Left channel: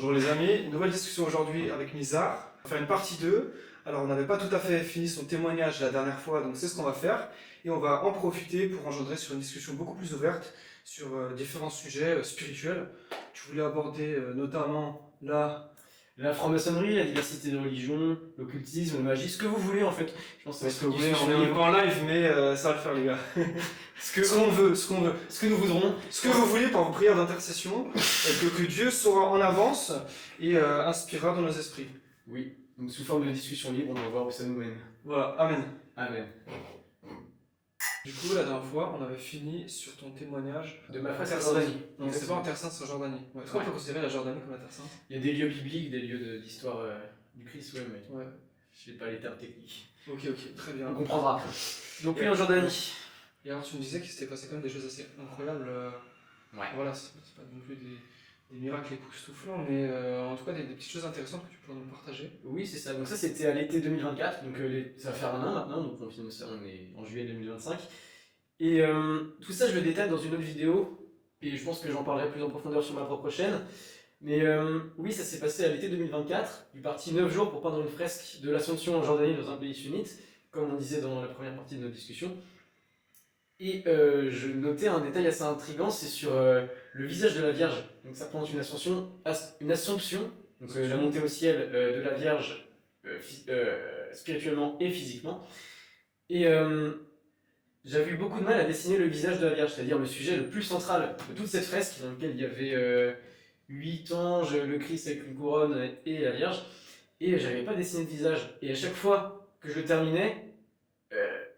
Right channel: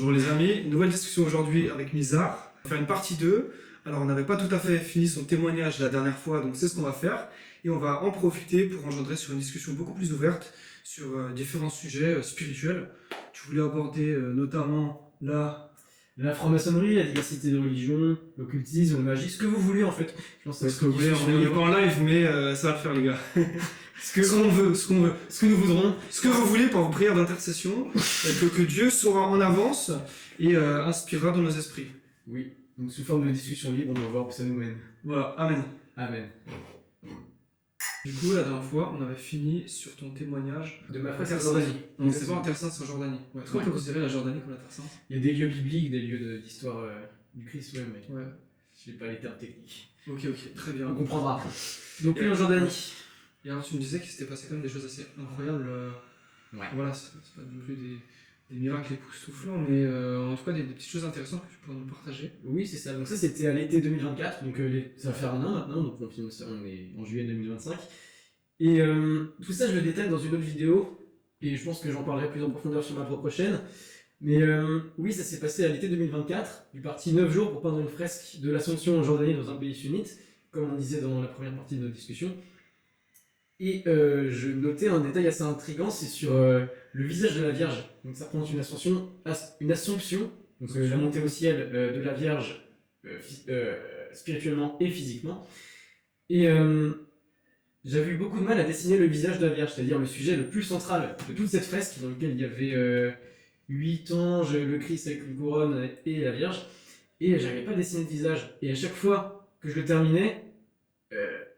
Bonjour les amis, nouvelle discussion aujourd'hui avec Mizar. On va faire une partie 2. Alors on n'avait pas tout à fait fini son témoignage la dernière fois, donc c'est ce qu'on va faire. Et on va en profiter pour engendrer sur une discussion beaucoup plus ouverte sur différents sujets spirituels. Tu voulais aborder notamment la franc-maçonnerie, la diversité de religions, l'occultisme, la magie, ce que vous voulez en fait. Je pense que ce que vous voulez, on est pas en live, mais ça va le faire les gars. ce qu'on veut, ce que nous voudrons, ce que vous voulez par vos prières d'intercession, que Dieu saura en avance et inspirera dans nos esprits. Oui, donc sous forme de discussion libre, on va voir où ça nous mène. Voilà, amen. Amen. Du coup, la dernière fois, on avait fini sur ton témoignage de ma fresque en Jordanie. Donc c'est pas en Terre Sainte, c'est en Jordanie. Est-ce qu'on peut considérer la Jordanie comme la Terre Sainte? Il y a des lieux bibliques, des lieux d'histoire du Christ, mais ouais. Je n'ai pas les termes techniques. Ok, très bien. On comprendra. Donc oui, en Jordanie. Et alors tu me disais qu'il s'était passé quand même des choses assez incroyables. Ouais. Voilà, c'est pas non plus des miracles époustouflants, mais en tout cas des petites choses intéressantes que tu pourrais nous partager. Oui, c'est ça. Donc ça, c'était à l'été 2024. Donc ça va faire un an maintenant. Donc on filme ça, on est en juillet 2025. Et tout ça, je le détaille dans une autre vidéo. Et je pense que j'en parlerai plus en profondeur sur ma propre chaîne. Mais oui, ça s'est passé à l'été 2024. Du parti 9 jours pour peindre une fresque de l'Assomption en Jordanie dans un pays sunnite, comme on disait dans la première partie de notre discussion. Et je notais un détail assez intriguant, c'est sur le visage de la Vierge. Donc ça représente une assomption, donc la montée au ciel de la Vierge spirituellement et physiquement. Et j'avais eu beaucoup de mal à dessiner le visage de la Vierge, c'est-à-dire le sujet le plus central de toute cette fresque, dans lequel il y avait 8 anges, le Christ avec une couronne et la Vierge. Et j'arrivais pas à dessiner le visage. Et à chaque fois que je le terminais,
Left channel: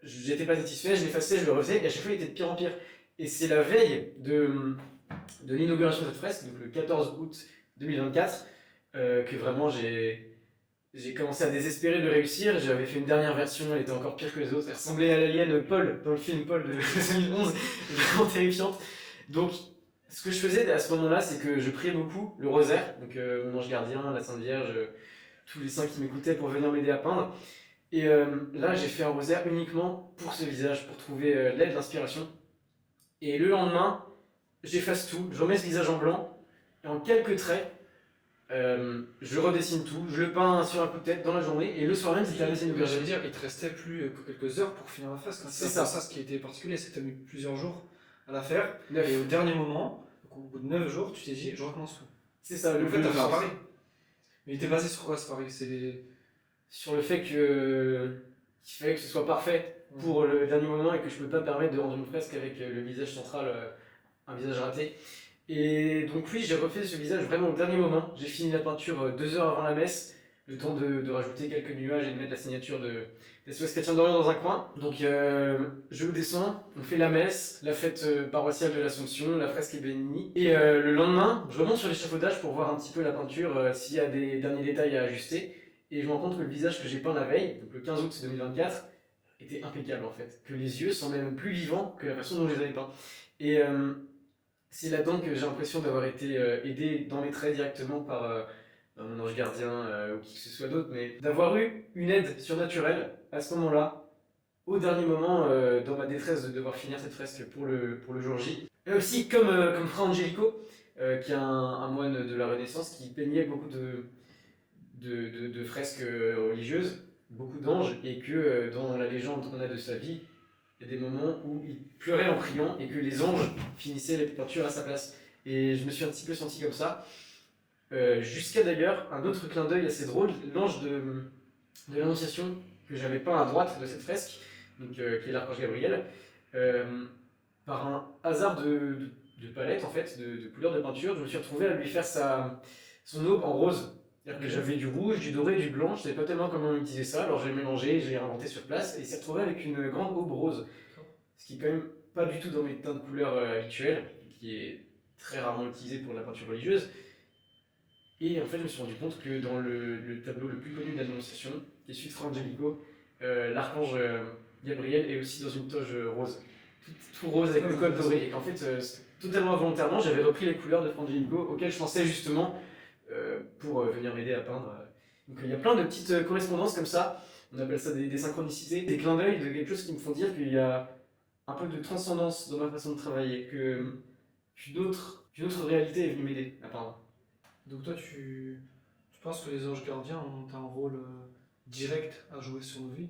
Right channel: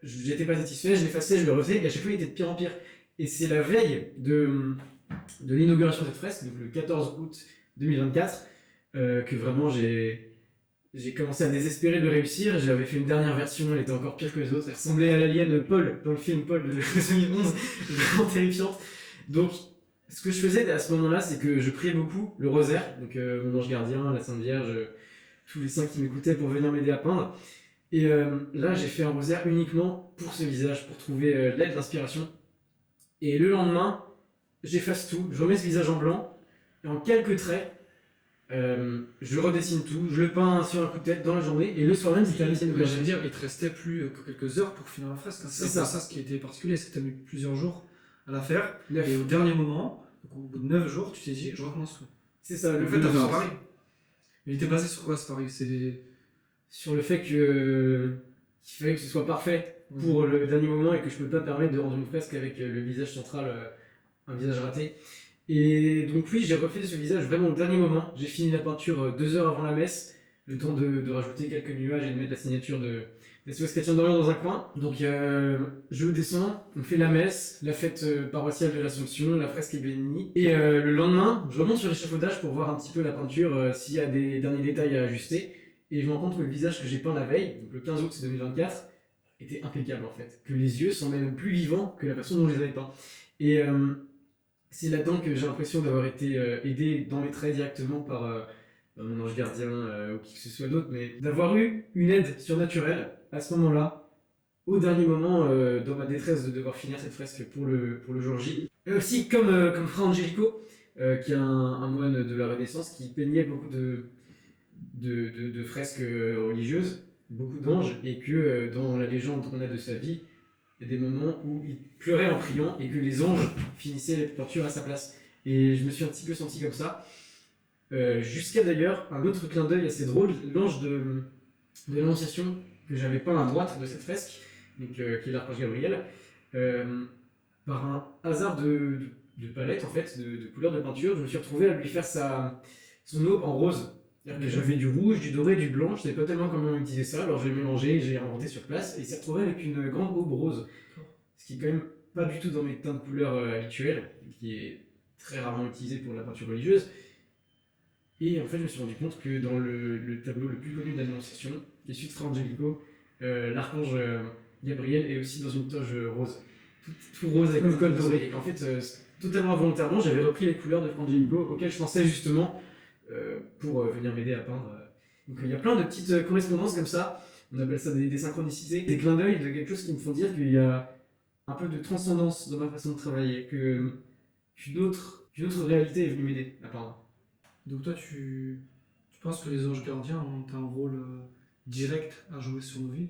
j'étais pas satisfait, je l'effaçais, je le refaisais, et à chaque fois il était de pire en pire. Et c'est la veille de l'inauguration de cette fresque, donc le 14 août 2024, que vraiment j'ai commencé à désespérer de réussir. J'avais fait une dernière version, elle était encore pire que les autres, elle ressemblait à l'alien Paul, dans le film Paul de 2011, vraiment terrifiante. Donc ce que je faisais à ce moment-là, c'est que je priais beaucoup le rosaire, donc mon ange gardien, la Sainte Vierge, tous les saints qui m'écoutaient pour venir m'aider à peindre. Et là, j'ai fait un rosaire uniquement pour ce visage, pour trouver de l'aide, l'inspiration. Et le lendemain, j'efface tout, je remets ce visage en blanc, et en quelques traits, je redessine tout, je le peins sur un coup de tête dans la journée, et le soir même, c'était la messe inaugurale. J'allais dire, il te restait plus que quelques heures pour finir la fresque. C'est ça. Ce qui était particulier, c'est que tu as mis plusieurs jours à la faire, 9. Et au dernier moment, donc au bout de 9 jours, tu t'es dit, je recommence tout. C'est ça. En fait, t'as fait un pari. Mais il était basé sur quoi ce pari? Sur le fait qu'il fallait que ce soit parfait pour le dernier moment et que je ne peux pas permettre de rendre une fresque avec le visage central, un visage raté. Et donc oui, j'ai refait ce visage vraiment au dernier moment. J'ai fini la peinture 2 heures avant la messe, le temps de rajouter quelques nuages et de mettre la signature de SOS Chrétien d'Orient dans un coin. Donc je descends, on fait la messe, la fête paroissiale de l'Assomption, la fresque est bénie. Et le lendemain, je remonte sur l'échafaudage pour voir un petit peu la peinture, s'il y a des derniers détails à ajuster. Et je me rends compte que le visage que j'ai peint la veille, donc le 15 août 2024, était impeccable en fait. Que les yeux sont même plus vivants que la façon dont je les avais peints. Et c'est là-dedans que j'ai l'impression d'avoir été aidé dans mes traits directement par mon ange gardien ou qui que ce soit d'autre, mais d'avoir eu une aide surnaturelle à ce moment-là, au dernier moment, dans ma détresse de devoir finir cette fresque pour le jour J. Et aussi comme Fra Angelico, qui est un moine de la Renaissance qui peignait beaucoup de fresques religieuses, beaucoup d'anges, et que dans la légende qu'on a de sa vie, il y a des moments où il pleurait en priant et que les anges finissaient les peintures à sa place. Et je me suis un petit peu senti comme ça. Jusqu'à d'ailleurs un autre clin d'œil assez drôle, l'ange de l'Annonciation que j'avais peint à droite de cette fresque, donc, qui est l'archange Gabriel, par un hasard de palette en fait, de couleur de peinture, je me suis retrouvé à lui faire son aube en rose. C'est-à-dire que j'avais du rouge, du doré, du blanc, je ne savais pas tellement comment utiliser ça, alors j'ai mélangé, j'ai inventé sur place, et il s'est retrouvé avec une grande aube rose. Ce qui est quand même pas du tout dans mes teintes de couleurs habituelles, qui est très rarement utilisé pour la peinture religieuse. Et en fait, je me suis rendu compte que dans le tableau le plus connu de l'Annonciation, qui est celui de Fra Angelico, l'archange Gabriel est aussi dans une toge rose. Tout rose avec le col doré. Et qu'en fait, totalement involontairement, j'avais repris les couleurs de Fra Angelico auxquelles je pensais justement pour venir m'aider à peindre. Donc il y a plein de petites correspondances comme ça, on appelle ça des synchronicités, des clins d'œil de quelque chose qui me font dire qu'il y a un peu de transcendance dans ma façon de travailler, qu'une autre réalité est venue m'aider à peindre. Donc toi, tu penses que les anges gardiens ont un rôle direct à jouer sur nos vies?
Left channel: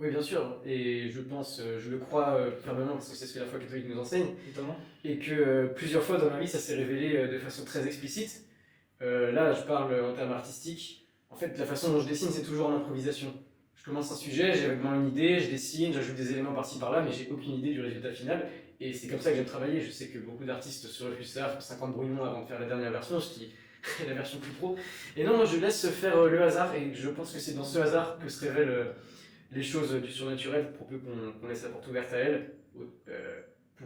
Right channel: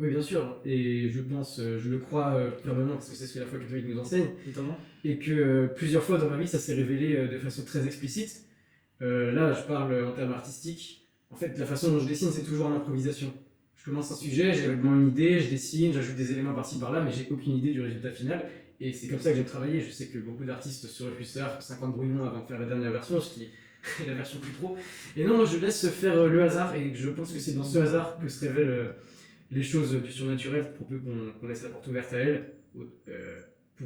Oui, bien sûr, et je pense, je le crois fermement, parce que c'est ce que la foi catholique nous enseigne, Notamment? et que plusieurs fois dans ma vie, ça s'est révélé de façon très explicite. Là, je parle en termes artistiques. En fait, la façon dont je dessine, c'est toujours en improvisation. Je commence un sujet, j'ai vaguement une idée, je dessine, j'ajoute des éléments par-ci par-là, mais j'ai aucune idée du résultat final. Et c'est comme ça que j'aime travailler. Je sais que beaucoup d'artistes se refusent ça, font 50 brouillons avant de faire la dernière version, ce qui est la version plus pro. Et non, moi je laisse faire le hasard, et je pense que c'est dans ce hasard que se révèlent les choses du surnaturel, pour peu qu'on laisse la porte ouverte à elles,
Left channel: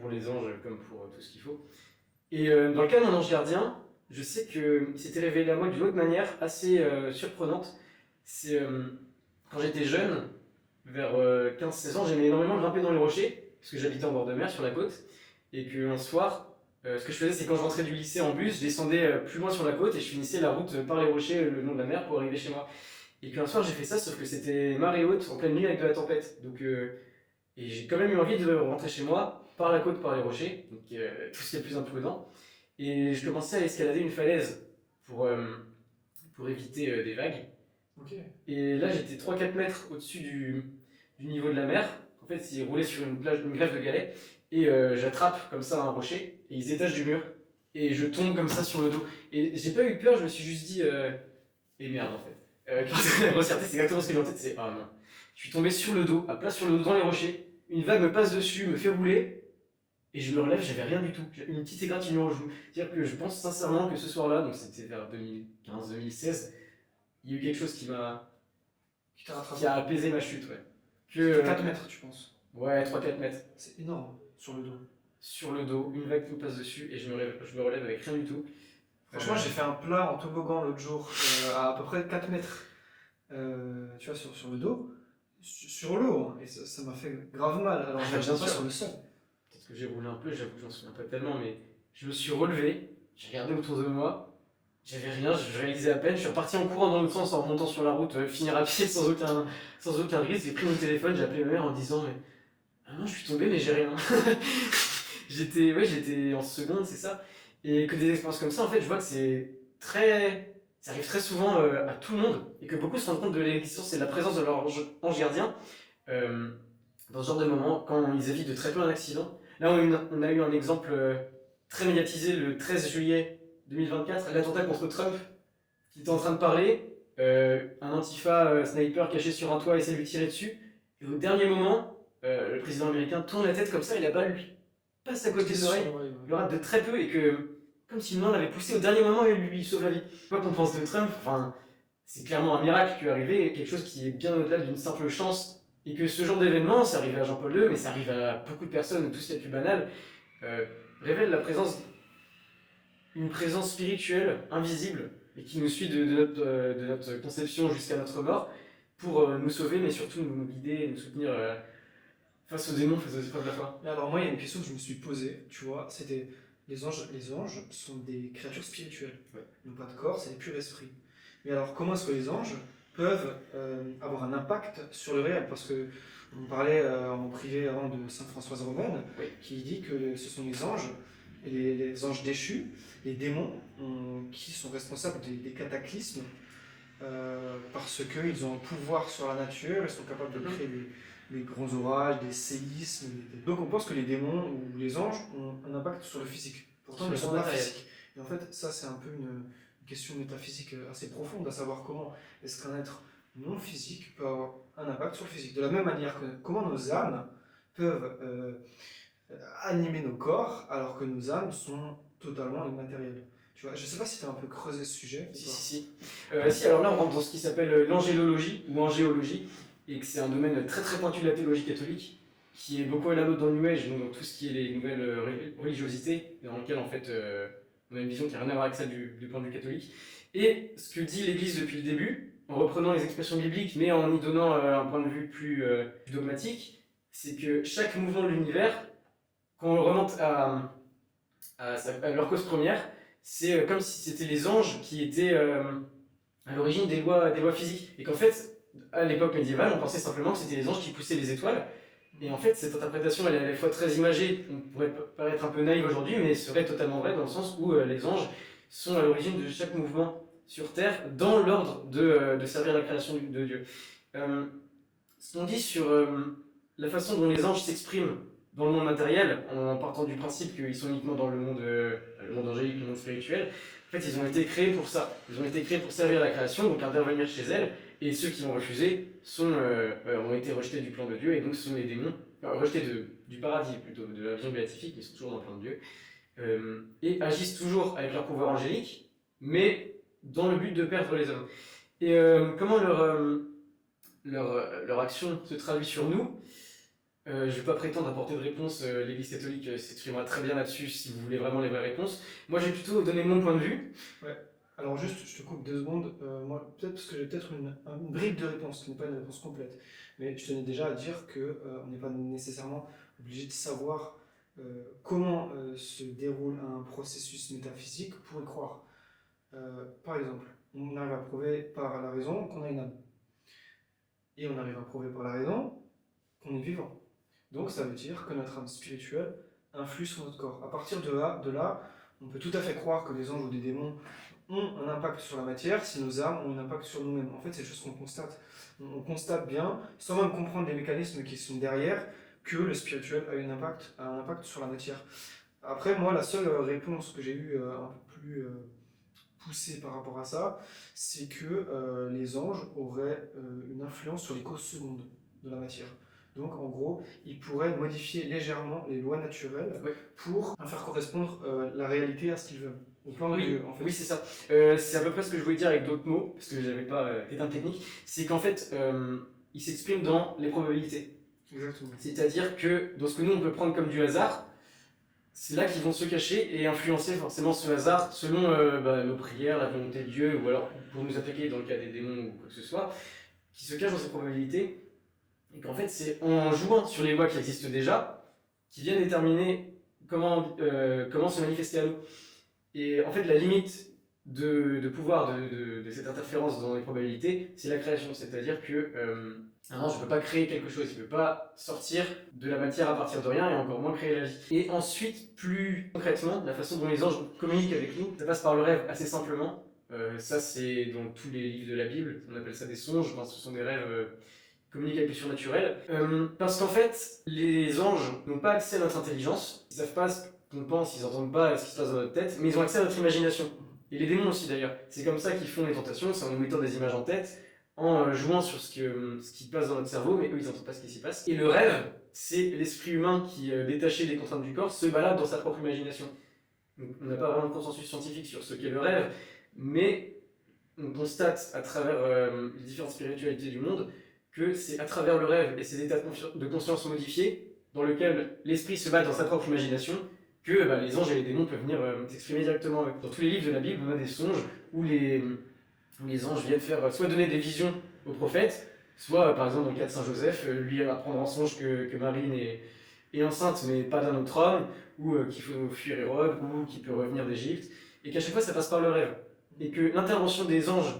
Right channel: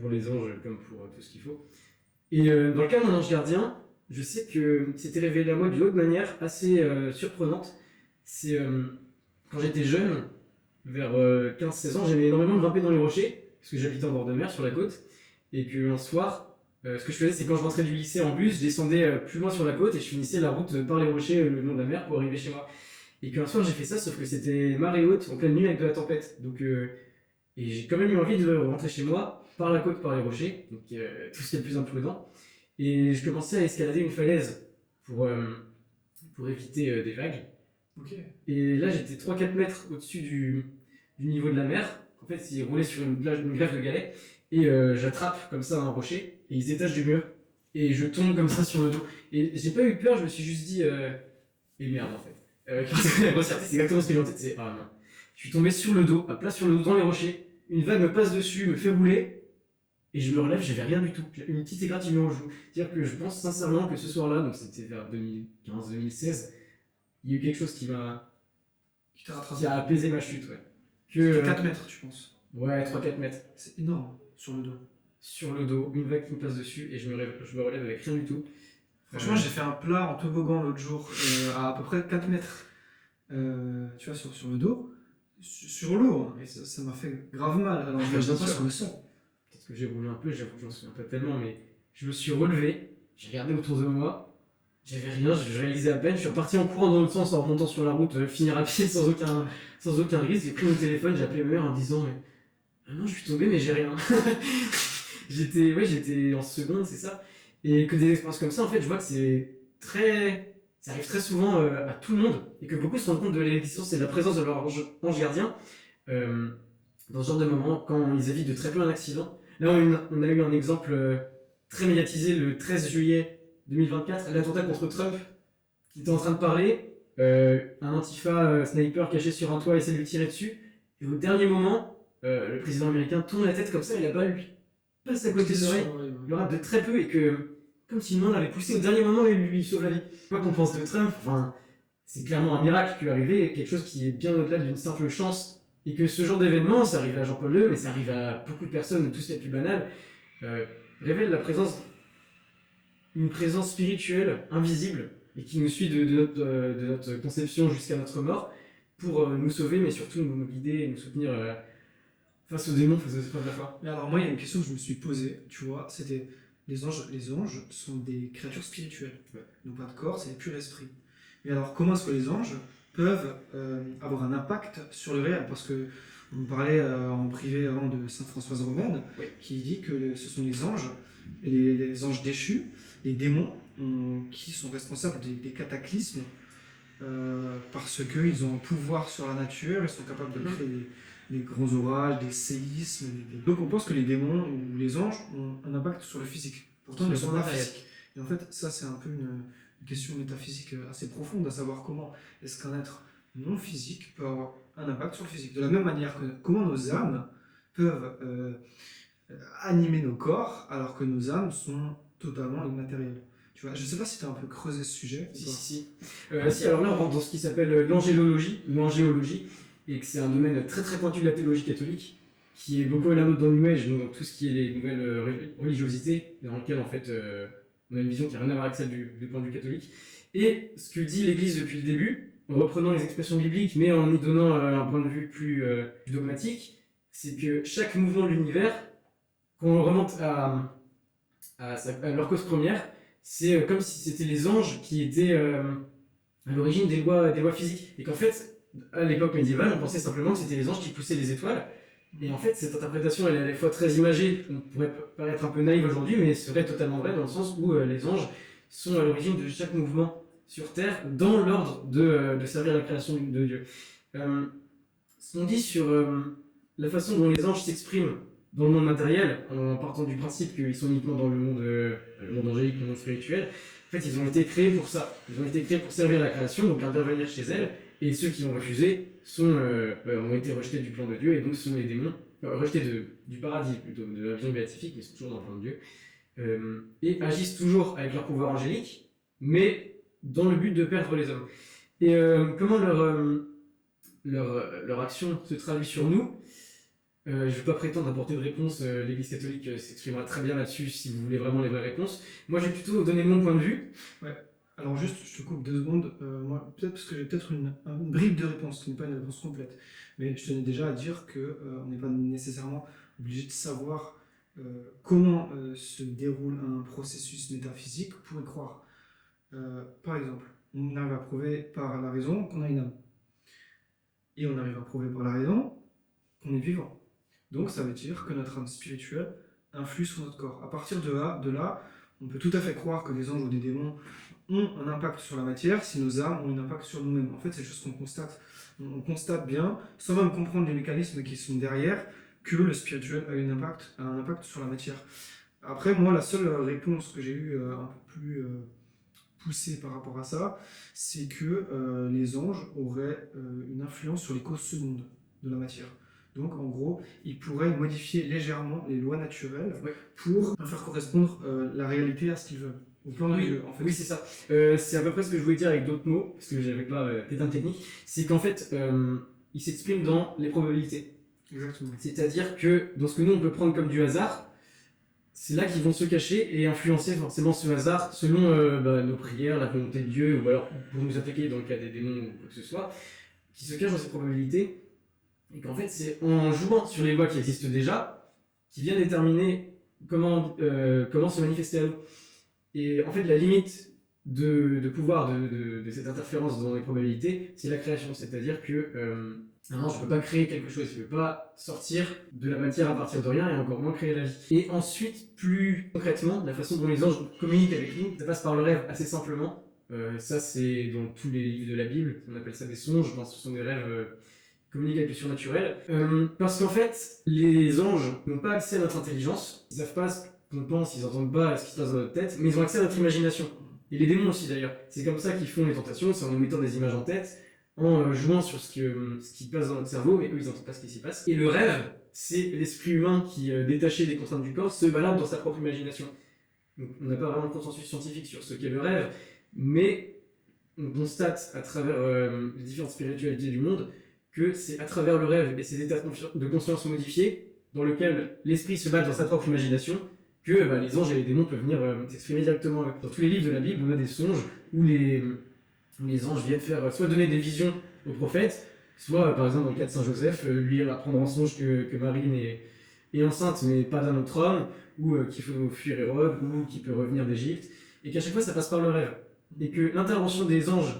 pour les anges comme pour tout ce qu'il faut. Et dans le cas de mon ange gardien, je sais que c'était révélé à moi d'une autre manière assez surprenante. C'est quand j'étais jeune, vers 15-16 ans, j'aimais énormément grimper dans les rochers, parce que j'habitais en bord de mer sur la côte, et qu'un soir, ce que je faisais, c'est quand je rentrais du lycée en bus, je descendais plus loin sur la côte et je finissais la route par les rochers le long de la mer pour arriver chez moi. Et qu'un soir j'ai fait ça, sauf que c'était marée haute, en pleine nuit avec de la tempête. Donc, et j'ai quand même eu envie de rentrer chez moi, par la côte, par les rochers, donc tout ce qui est le plus imprudent. Et je commençais à escalader une falaise pour éviter des vagues. Ok. Et là, j'étais 3-4 mètres au-dessus du niveau de la mer. En fait, il roulait sur une grève de galets. Et j'attrape comme ça un rocher, et il se détache du mur. Et je tombe comme ça sur le dos. Et j'ai pas eu peur, je me suis juste dit, et merde en fait. Grossièreté, c'est exactement ce que j'ai en tête, c'est ah non. Je suis tombé sur le dos, à plat sur le dos dans les rochers. Une vague me passe dessus, me fait rouler. Et je me relève, j'avais rien du tout. J'ai une petite égratignure au genou. C'est-à-dire que je pense sincèrement que ce soir-là, donc c'était vers 2015-2016, il y a eu quelque chose qui Qui t'a rattrapé? qui a apaisé ma chute, ouais. C'était 4 mètres, tu penses? Ouais, 3-4 mètres. C'est énorme, sur le dos. Sur le dos, une vague qui me passe dessus, et je me relève avec rien du tout. Franchement, j'ai fait un plat en toboggan l'autre jour, à peu près 4 mètres, tu vois, sur le dos, sur l'eau, hein, et ça m'a fait grave mal. Alors, Bien je pas sûr. sur le sol. Peut-être que j'ai roulé un peu, j'avoue que j'en souviens pas tellement, mais je me suis relevé, j'ai regardé autour de moi, j'avais rien, je réalisais à peine, je suis reparti en courant dans l'autre sens en remontant sur la route, finir à pied sans aucun risque. J'ai pris mon téléphone, j'ai appelé ma mère en disant ah non, je suis tombé, mais j'ai rien. J'étais en seconde, c'est ça. Et que des expériences comme ça, en fait, je vois que ça arrive très souvent à tout le monde, et que beaucoup se rendent compte de l'existence et de la présence de leur ange gardien dans ce genre de moment, quand ils évitent de très peu un accident. Là, on a eu un exemple très médiatisé le 13 juillet 2024, l'attentat contre Trump, qui était en train de parler, un antifa sniper caché sur un toit essaie de lui tirer dessus, et au dernier moment, le président américain tourne la tête comme ça, et la balle lui passe à côté des oreilles, il le rate de très peu, et que, comme si une main l'avait poussé au dernier moment et lui sauve la vie. Quoi qu'on pense de Trump, enfin, c'est clairement un miracle qui est arrivé, quelque chose qui est bien au-delà d'une simple chance. Et que ce genre d'événement, ça arrive à Jean-Paul II, mais ça arrive à beaucoup de personnes, tout ce qui est le plus banal, révèle une présence spirituelle, invisible, et qui nous suit de notre conception jusqu'à notre mort, pour nous sauver, mais surtout nous guider et nous soutenir face aux démons, face aux épreuves de la foi. Mais alors, moi, il y a une question que je me suis posée, tu vois, c'était les anges sont des créatures spirituelles. Ouais. Ils n'ont pas de corps, c'est des purs esprits. Mais alors, comment est-ce que les anges peuvent avoir un impact sur le réel? Parce que on parlait en privé avant de Sainte Françoise Romaine, Oui. qui dit que ce sont les anges, les anges déchus, les démons, qui sont responsables des cataclysmes, parce qu'ils ont un pouvoir sur la nature, ils sont capables de créer des grands orages, des séismes. Donc on pense que les démons ou les anges ont un impact sur le physique. Pourtant, ils ne sont pas physiques. Et en fait, ça, c'est un peu une question métaphysique assez profonde, à savoir comment est-ce qu'un être non physique peut avoir un impact sur le physique. De la même manière que comment nos âmes peuvent animer nos corps, alors que nos âmes sont totalement immatérielles. Tu vois, je ne sais pas si tu as un peu creusé ce sujet. Si, alors là, on rentre dans ce qui s'appelle l'angélologie ou angéologie, et que c'est un domaine très très pointu de la théologie catholique, qui est beaucoup à la mode dans le New Age, donc dans tout ce qui est les nouvelles religiosités, dans lequel en fait on a une vision qui n'a rien à voir avec celle du point de vue catholique. Et ce que dit l'Église depuis le début, en reprenant les expressions bibliques, mais en y donnant un point de vue plus dogmatique, c'est que chaque mouvement de l'univers, quand on remonte à leur cause première, c'est comme si c'était les anges qui étaient à l'origine des lois physiques. Et qu'en fait, à l'époque médiévale, on pensait simplement que c'était les anges qui poussaient les étoiles. Et en fait, cette interprétation, elle est à la fois très imagée, on pourrait paraître un peu naïve aujourd'hui, mais serait totalement vraie dans le sens où les anges, sont à l'origine de chaque mouvement sur Terre dans l'ordre de servir la création de Dieu. Ce qu'on dit sur la façon dont les anges s'expriment dans le monde matériel, en partant du principe qu'ils sont uniquement dans le monde angélique, le monde spirituel, en fait, ils ont été créés pour ça. Ils ont été créés pour servir la création, donc intervenir chez elle, et ceux qui l'ont refusé ont été rejetés du plan de Dieu, et donc ce sont les démons, rejetés du paradis plutôt, de la vision béatifique, ils sont toujours dans le plan de Dieu, et agissent toujours avec leur pouvoir angélique, mais dans le but de perdre les hommes. Et comment leur action se traduit sur nous? Je ne vais pas prétendre apporter de réponse, l'Église catholique s'exprimera très bien là-dessus si vous voulez vraiment les vraies réponses. Moi, je vais plutôt donner mon point de vue. Ouais. Alors juste, je te coupe 2 secondes. Moi, peut-être parce que j'ai peut-être une bribe de réponse qui n'est pas une réponse complète. Mais je tenais déjà à dire que on n'est pas nécessairement obligé de savoir comment se déroule un processus métaphysique pour y croire. Par exemple, on arrive à prouver par la raison qu'on a une âme. Et on arrive à prouver par la raison qu'on est vivant. Donc ça veut dire que notre âme spirituelle influe sur notre corps. À partir de là, on peut tout à fait croire que les anges ou des démons ont un impact sur la matière si nos âmes ont un impact sur nous-mêmes. En fait, c'est juste qu'on constate. On constate bien, sans même comprendre les mécanismes qui sont derrière, que le spirituel a un impact sur la matière. Après, moi, la seule réponse que j'ai eue un peu plus poussée par rapport à ça, c'est que les anges auraient une influence sur les causes secondes de la matière. Donc en gros, ils pourraient modifier légèrement les lois naturelles pour faire correspondre la réalité à ce qu'ils veulent, au plan de Dieu en fait. Oui, c'est ça. C'est à peu près ce que je voulais dire avec d'autres mots, parce que j'avais pas les termes techniques. C'est qu'en fait, ils s'expriment dans les probabilités. Exactement. C'est-à-dire que dans ce que nous on peut prendre comme du hasard, c'est là qu'ils vont se cacher et influencer forcément ce hasard selon nos prières, la volonté de Dieu, ou alors pour nous appliquer dans le cas des démons ou quoi que ce soit, qui se cachent dans ces probabilités. Et qu'en fait, c'est en jouant sur les lois qui existent déjà, qui viennent déterminer comment se manifester à nous. Et en fait, la limite de pouvoir de cette interférence dans les probabilités, c'est la création. C'est-à-dire que un ange ne peut pas créer quelque chose, il ne peut pas sortir de la matière à partir de rien et encore moins créer la vie. Et ensuite, plus concrètement, la façon dont les anges communiquent avec nous, ça passe par le rêve assez simplement. Ça, c'est dans tous les livres de la Bible, on appelle ça des songes, enfin, ce sont des rêves communiquent avec le surnaturel. Parce qu'en fait, les anges n'ont pas accès à notre intelligence, ils savent pas ce qu'on pense, ils n'entendent pas ce qui se passe dans notre tête, mais ils ont accès à notre imagination. Et les démons aussi d'ailleurs. C'est comme ça qu'ils font les tentations, c'est en nous mettant des images en tête, en jouant sur ce qui passe dans notre cerveau, mais eux ils n'entendent pas ce qui s'y passe. Et le rêve, c'est l'esprit humain qui, détaché des contraintes du corps, se balade dans sa propre imagination. Donc, on n'a pas vraiment de consensus scientifique sur ce qu'est le rêve, mais on constate à travers les différentes spiritualités du monde que c'est à travers le rêve et ces états de conscience modifiés, dans lequel l'esprit se bat dans sa propre imagination, que les anges et les démons peuvent venir s'exprimer directement. Dans tous les livres de la Bible, on a des songes où les anges viennent faire soit donner des visions aux prophètes, soit par exemple dans le cas de Saint Joseph, lui apprendre en songe que Marie est enceinte mais pas d'un autre homme, ou qu'il faut fuir Hérode, ou qu'il peut revenir d'Égypte, et qu'à chaque fois ça passe par le rêve. Et que l'intervention des anges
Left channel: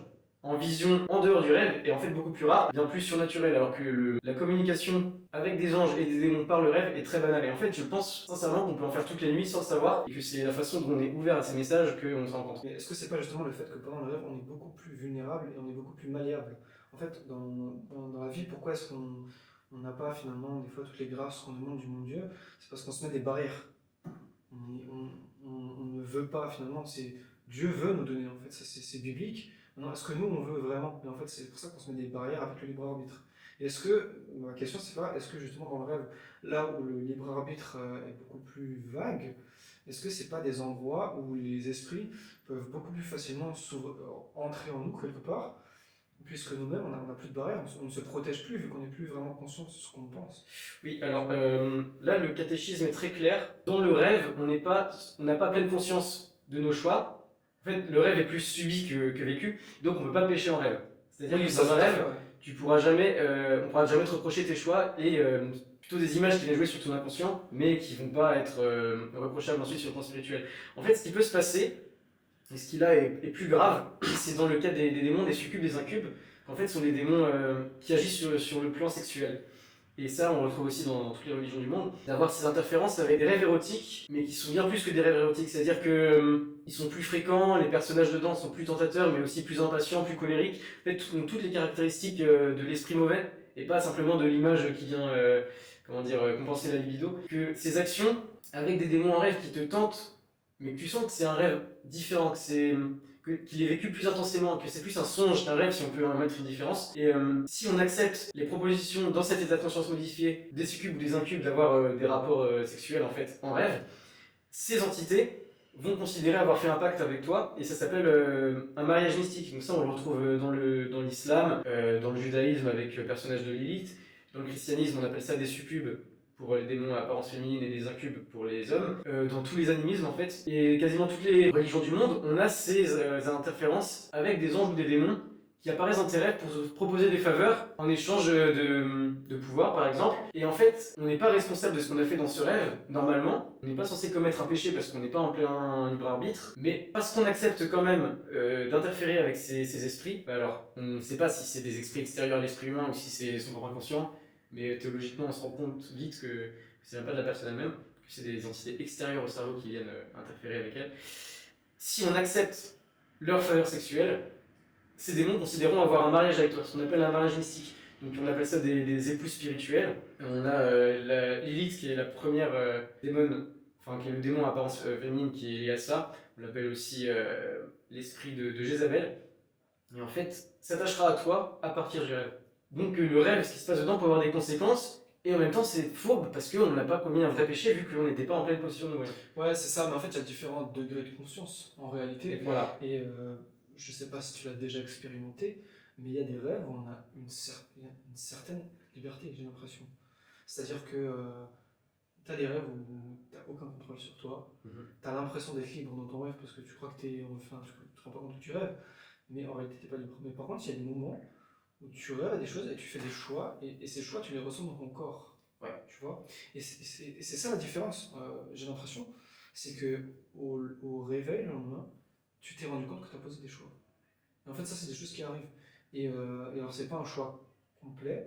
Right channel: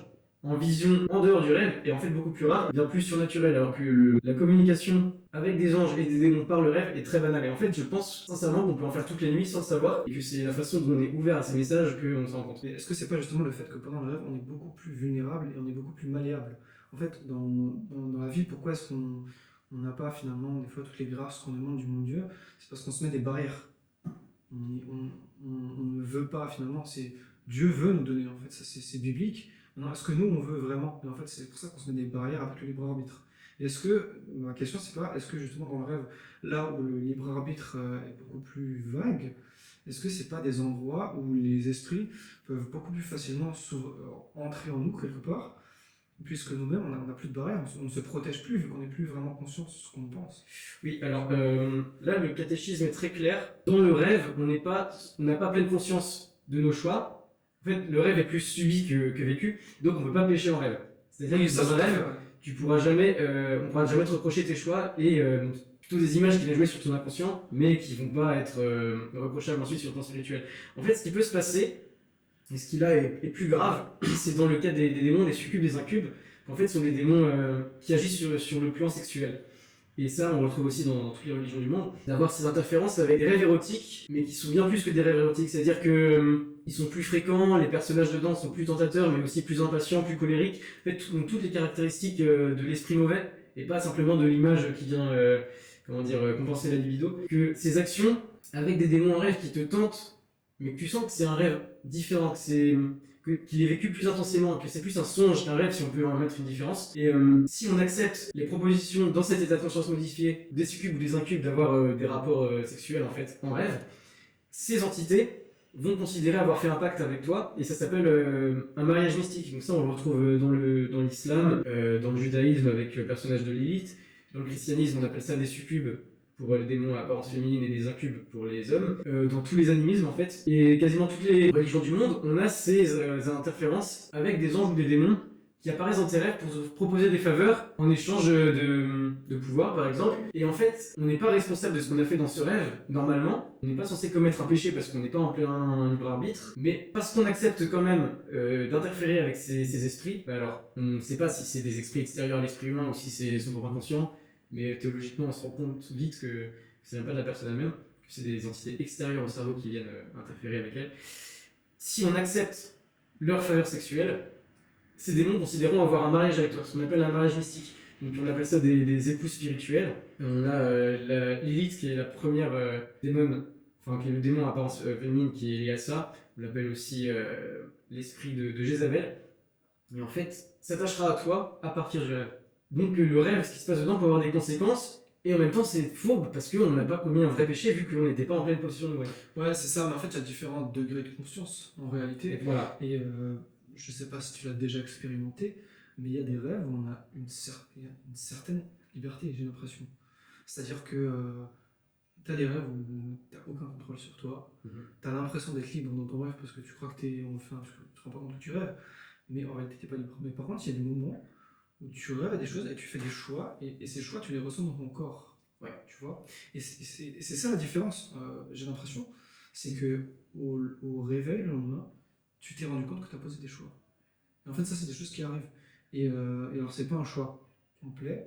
en vision en dehors du rêve est en fait beaucoup plus rare, bien plus surnaturelle, alors que la communication avec des anges et des démons par le rêve est très banale. Et en fait, je pense sincèrement qu'on peut en faire toutes les nuits sans le savoir, et que c'est la façon dont on est ouvert à ces messages qu'on s'en rend compte. Mais est-ce que c'est pas justement le fait que pendant le rêve, on est beaucoup plus vulnérable et on est beaucoup plus malléable? En fait, dans la vie, pourquoi est-ce qu'on n'a pas finalement des fois toutes les grâces qu'on demande du monde Dieu? C'est parce qu'on se met des barrières. On ne veut pas finalement, Dieu veut nous donner, en fait, ça c'est biblique. Maintenant, est-ce que nous on veut vraiment? Et en fait, c'est pour ça qu'on se met des barrières avec le libre arbitre. Et est-ce que, ma question c'est pas, est-ce que justement dans le rêve, là où le libre arbitre est beaucoup plus vague, est-ce que c'est pas des endroits où les esprits peuvent beaucoup plus facilement entrer en nous quelque part, puisque nous-mêmes on n'a plus de barrières, on ne se protège plus vu qu'on n'est plus vraiment conscient de ce qu'on pense? Oui, alors là le catéchisme est très clair. Dans le rêve, on n'a pas pleine conscience de nos choix. En fait, le rêve est plus subi que vécu, donc on ne peut pas pécher en rêve. C'est-à-dire que dans un rêve, on ne pourra jamais te reprocher tes choix et plutôt des images qui vont jouer sur ton inconscient, mais qui ne vont pas être reprochables ensuite sur le plan spirituel. En fait, ce qui peut se passer, et ce qui là est plus grave, c'est dans le cas des démons, des succubes, des incubes, qu'en fait ce sont des démons qui agissent sur le plan sexuel. et ça on retrouve aussi dans toutes les religions du monde, d'avoir ces interférences avec des rêves érotiques, mais qui sont bien plus que des rêves érotiques, c'est-à-dire que ils sont plus fréquents, les personnages dedans sont plus tentateurs, mais aussi plus impatients, plus colériques, en fait toutes les caractéristiques de l'esprit mauvais, et pas simplement de l'image qui vient compenser la libido, que ces actions avec des démons en rêve qui te tentent, mais que tu sens que c'est un rêve différent, qu'il est vécu plus intensément, que c'est plus un songe qu'un rêve, si on peut en mettre une différence. Et si on accepte les propositions dans cet état de conscience modifié des succubes ou des incubes d'avoir des rapports sexuels en fait en rêve, ces entités vont considérer avoir fait un pacte avec toi, et ça s'appelle un mariage mystique. Donc ça on le retrouve dans l'islam, dans le judaïsme avec le personnage de Lilith, dans le christianisme on appelle ça des succubes pour les démons à apparence féminine et des incubes pour les hommes, dans tous les animismes en fait, et quasiment toutes les religions du monde, on a ces interférences avec des anges ou des démons qui apparaissent dans tes rêves pour te proposer des faveurs en échange de pouvoir par exemple, et en fait on n'est pas responsable de ce qu'on a fait dans ce rêve, normalement, on n'est pas censé commettre un péché parce qu'on n'est pas en plein libre arbitre, mais parce qu'on accepte quand même d'interférer avec ces esprits, alors on ne sait pas si c'est des esprits extérieurs à l'esprit humain ou si c'est son propre inconscient, mais théologiquement on se rend compte vite que c'est même pas de la personne elle-même, que c'est des entités extérieures au cerveau qui viennent interférer avec elle. Si on accepte leur faveur sexuelle, ces démons considéreront avoir un mariage avec toi, ce qu'on appelle un mariage mystique. Donc on appelle ça des épouses spirituelles. On a la Lilith qui est la première démon, enfin qui est le démon à apparence féminine qui est lié à ça. On l'appelle aussi l'esprit de Jézabel. Et en fait, s'attachera à toi à partir du rêve. Donc le rêve, ce qui se passe dedans peut avoir des conséquences, et en même temps c'est fourbe parce qu'on n'a pas commis un vrai péché vu qu'on n'était pas en pleine possession de nous. Ouais, c'est ça, mais en fait, il y a différents degrés de conscience en réalité. Et voilà. Et je sais pas si tu l'as déjà expérimenté, mais il y a des rêves où on a une certaine liberté, j'ai l'impression. C'est-à-dire que tu as des rêves où tu n'as aucun contrôle sur toi, tu as l'impression d'être libre dans ton rêve parce que tu crois que tu te rends pas compte que tu rêves, mais en réalité, tu n'es pas libre. Mais par contre, il y a des moments où tu rêves à des choses et tu fais des choix, et ces choix, tu les ressens dans ton corps. Ouais. Tu vois. Et c'est ça la différence, j'ai l'impression. C'est que au réveil le lendemain, tu t'es rendu compte que tu as posé des choix. Et en fait, ça, c'est des choses qui arrivent. Et alors, c'est pas un choix complet,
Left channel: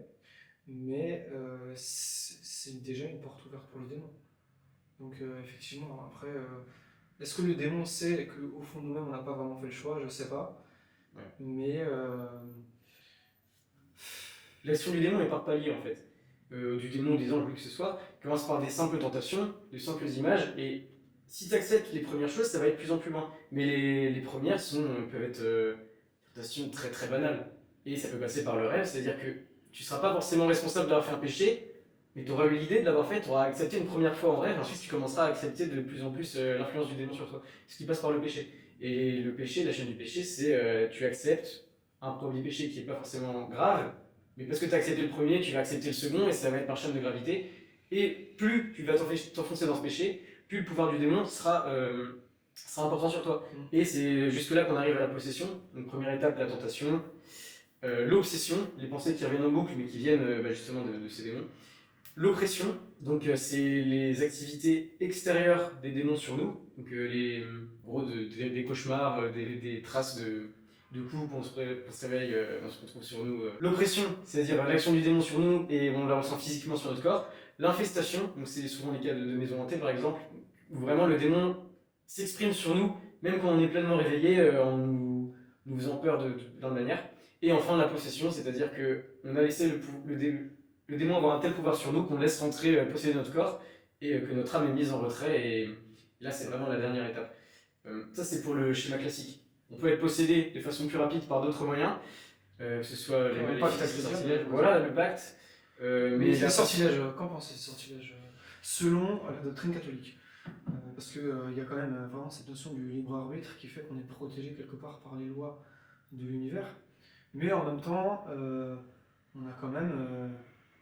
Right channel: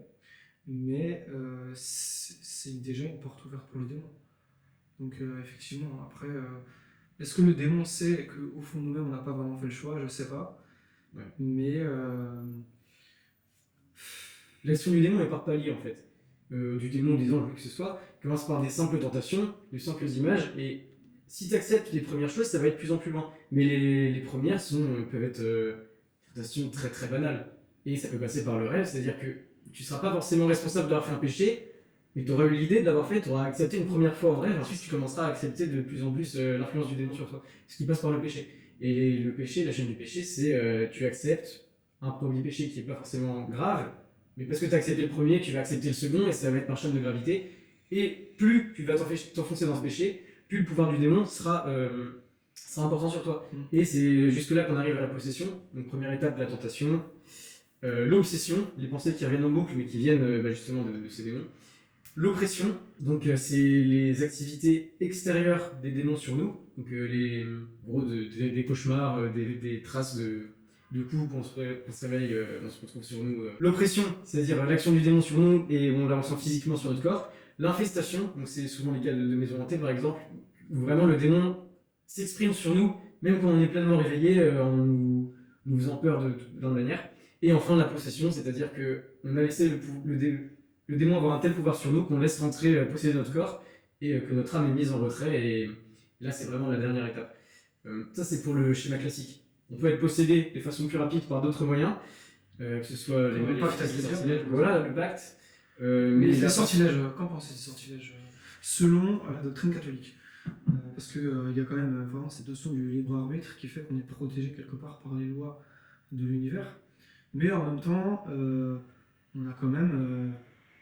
mais c'est déjà une porte ouverte pour le démon. Donc, effectivement, après, est-ce que le démon sait qu'au fond de nous-mêmes, on n'a pas vraiment fait le choix? Je sais pas. Ouais. Mais. L'action du démon est par palier en fait. Du démon, des anges, que ce soit, commence par des simples tentations, de simples images, et si tu acceptes les premières choses, ça va être de plus en plus loin. Mais les premières peuvent être tentations très très banales. Et ça peut passer par le rêve, c'est-à-dire que tu ne seras pas forcément responsable d'avoir fait un péché, mais tu auras eu l'idée de l'avoir fait, tu auras accepté une première fois en rêve, ensuite tu commenceras à accepter de plus en plus l'influence du démon sur toi, ce qui passe par le péché. Et le péché, la chaîne du péché, c'est tu acceptes un premier péché qui n'est pas forcément grave, mais parce que tu as accepté le premier, tu vas accepter le second, et ça va être par chaîne de gravité. Et plus tu vas t'enfoncer dans ce péché, plus le pouvoir du démon sera important sur toi. Et c'est jusque là qu'on arrive à la possession. Donc première étape, la tentation. L'obsession, les pensées qui reviennent en boucle, mais qui viennent justement de ces démons. L'oppression, donc c'est les activités extérieures des démons sur nous. Donc des cauchemars, des traces de coups qu'on se réveille, on se retrouve sur nous. L'oppression, c'est-à-dire l'action du démon sur nous et on la ressent physiquement sur notre corps. L'infestation, donc c'est souvent les cas de maisons hantées par exemple, où vraiment le démon s'exprime sur nous, même quand on est pleinement réveillé, en nous faisant peur de plein de manières. Et enfin la possession, c'est-à-dire qu'on a laissé le démon avoir un tel pouvoir sur nous qu'on laisse rentrer, posséder notre corps, et que notre âme est mise en retrait, et là c'est vraiment la dernière étape. Ça c'est pour le schéma classique. On peut être possédé de façon plus rapide par d'autres moyens, que ce soit les sortilèges, voilà le pacte. Mais les sortilèges, qu'en pensez des sortilèges selon la doctrine catholique? Parce qu'il y a quand même vraiment cette notion du libre arbitre qui fait qu'on est protégé quelque part par les lois de l'univers. Mais en même temps, on a quand même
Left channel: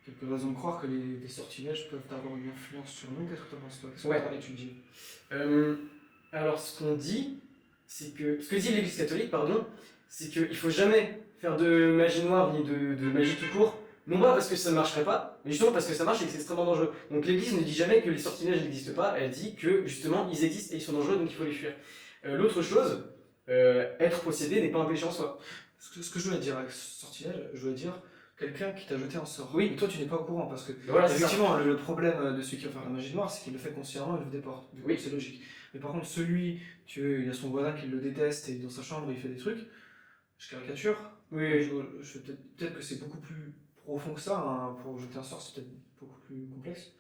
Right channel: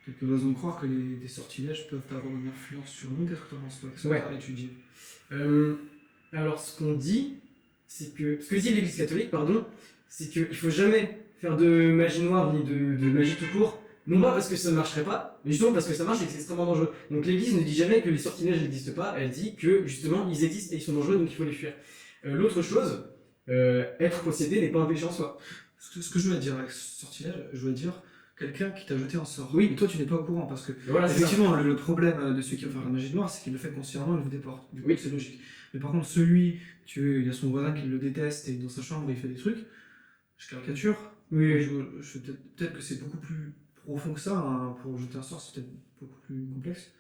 quelques raisons de croire que des sortilèges peuvent avoir une influence sur nous. Qu'est-ce que tu en penses toi? Qu'est-ce que tu as étudié? Alors ce qu'on dit, c'est que ce que dit l'Église catholique, c'est qu'il ne faut jamais faire de magie noire ni de magie tout court, non pas parce que ça ne marcherait pas, mais justement parce que ça marche et que c'est extrêmement dangereux. Donc l'Église ne dit jamais que les sortilèges n'existent pas, elle dit que justement ils existent et ils sont dangereux, donc il faut les fuir. L'autre chose, être possédé n'est pas un péché en soi. Ce que je voulais dire avec sortilège, je voulais dire quelqu'un qui t'a jeté un sort. Oui. Et toi, tu n'es pas au courant parce que, Voilà, c'est ça. effectivement, le problème de celui qui va faire la magie noire, c'est qu'il le fait consciemment, il vous déporte. Du coup, Oui. c'est logique. Mais par contre, celui, il y a son voisin qui le déteste et dans sa chambre, il fait des trucs. Je caricature. Oui. Peut-être que c'est beaucoup plus profond que ça. Hein. Pour jeter un sort, c'est peut-être beaucoup plus complexe.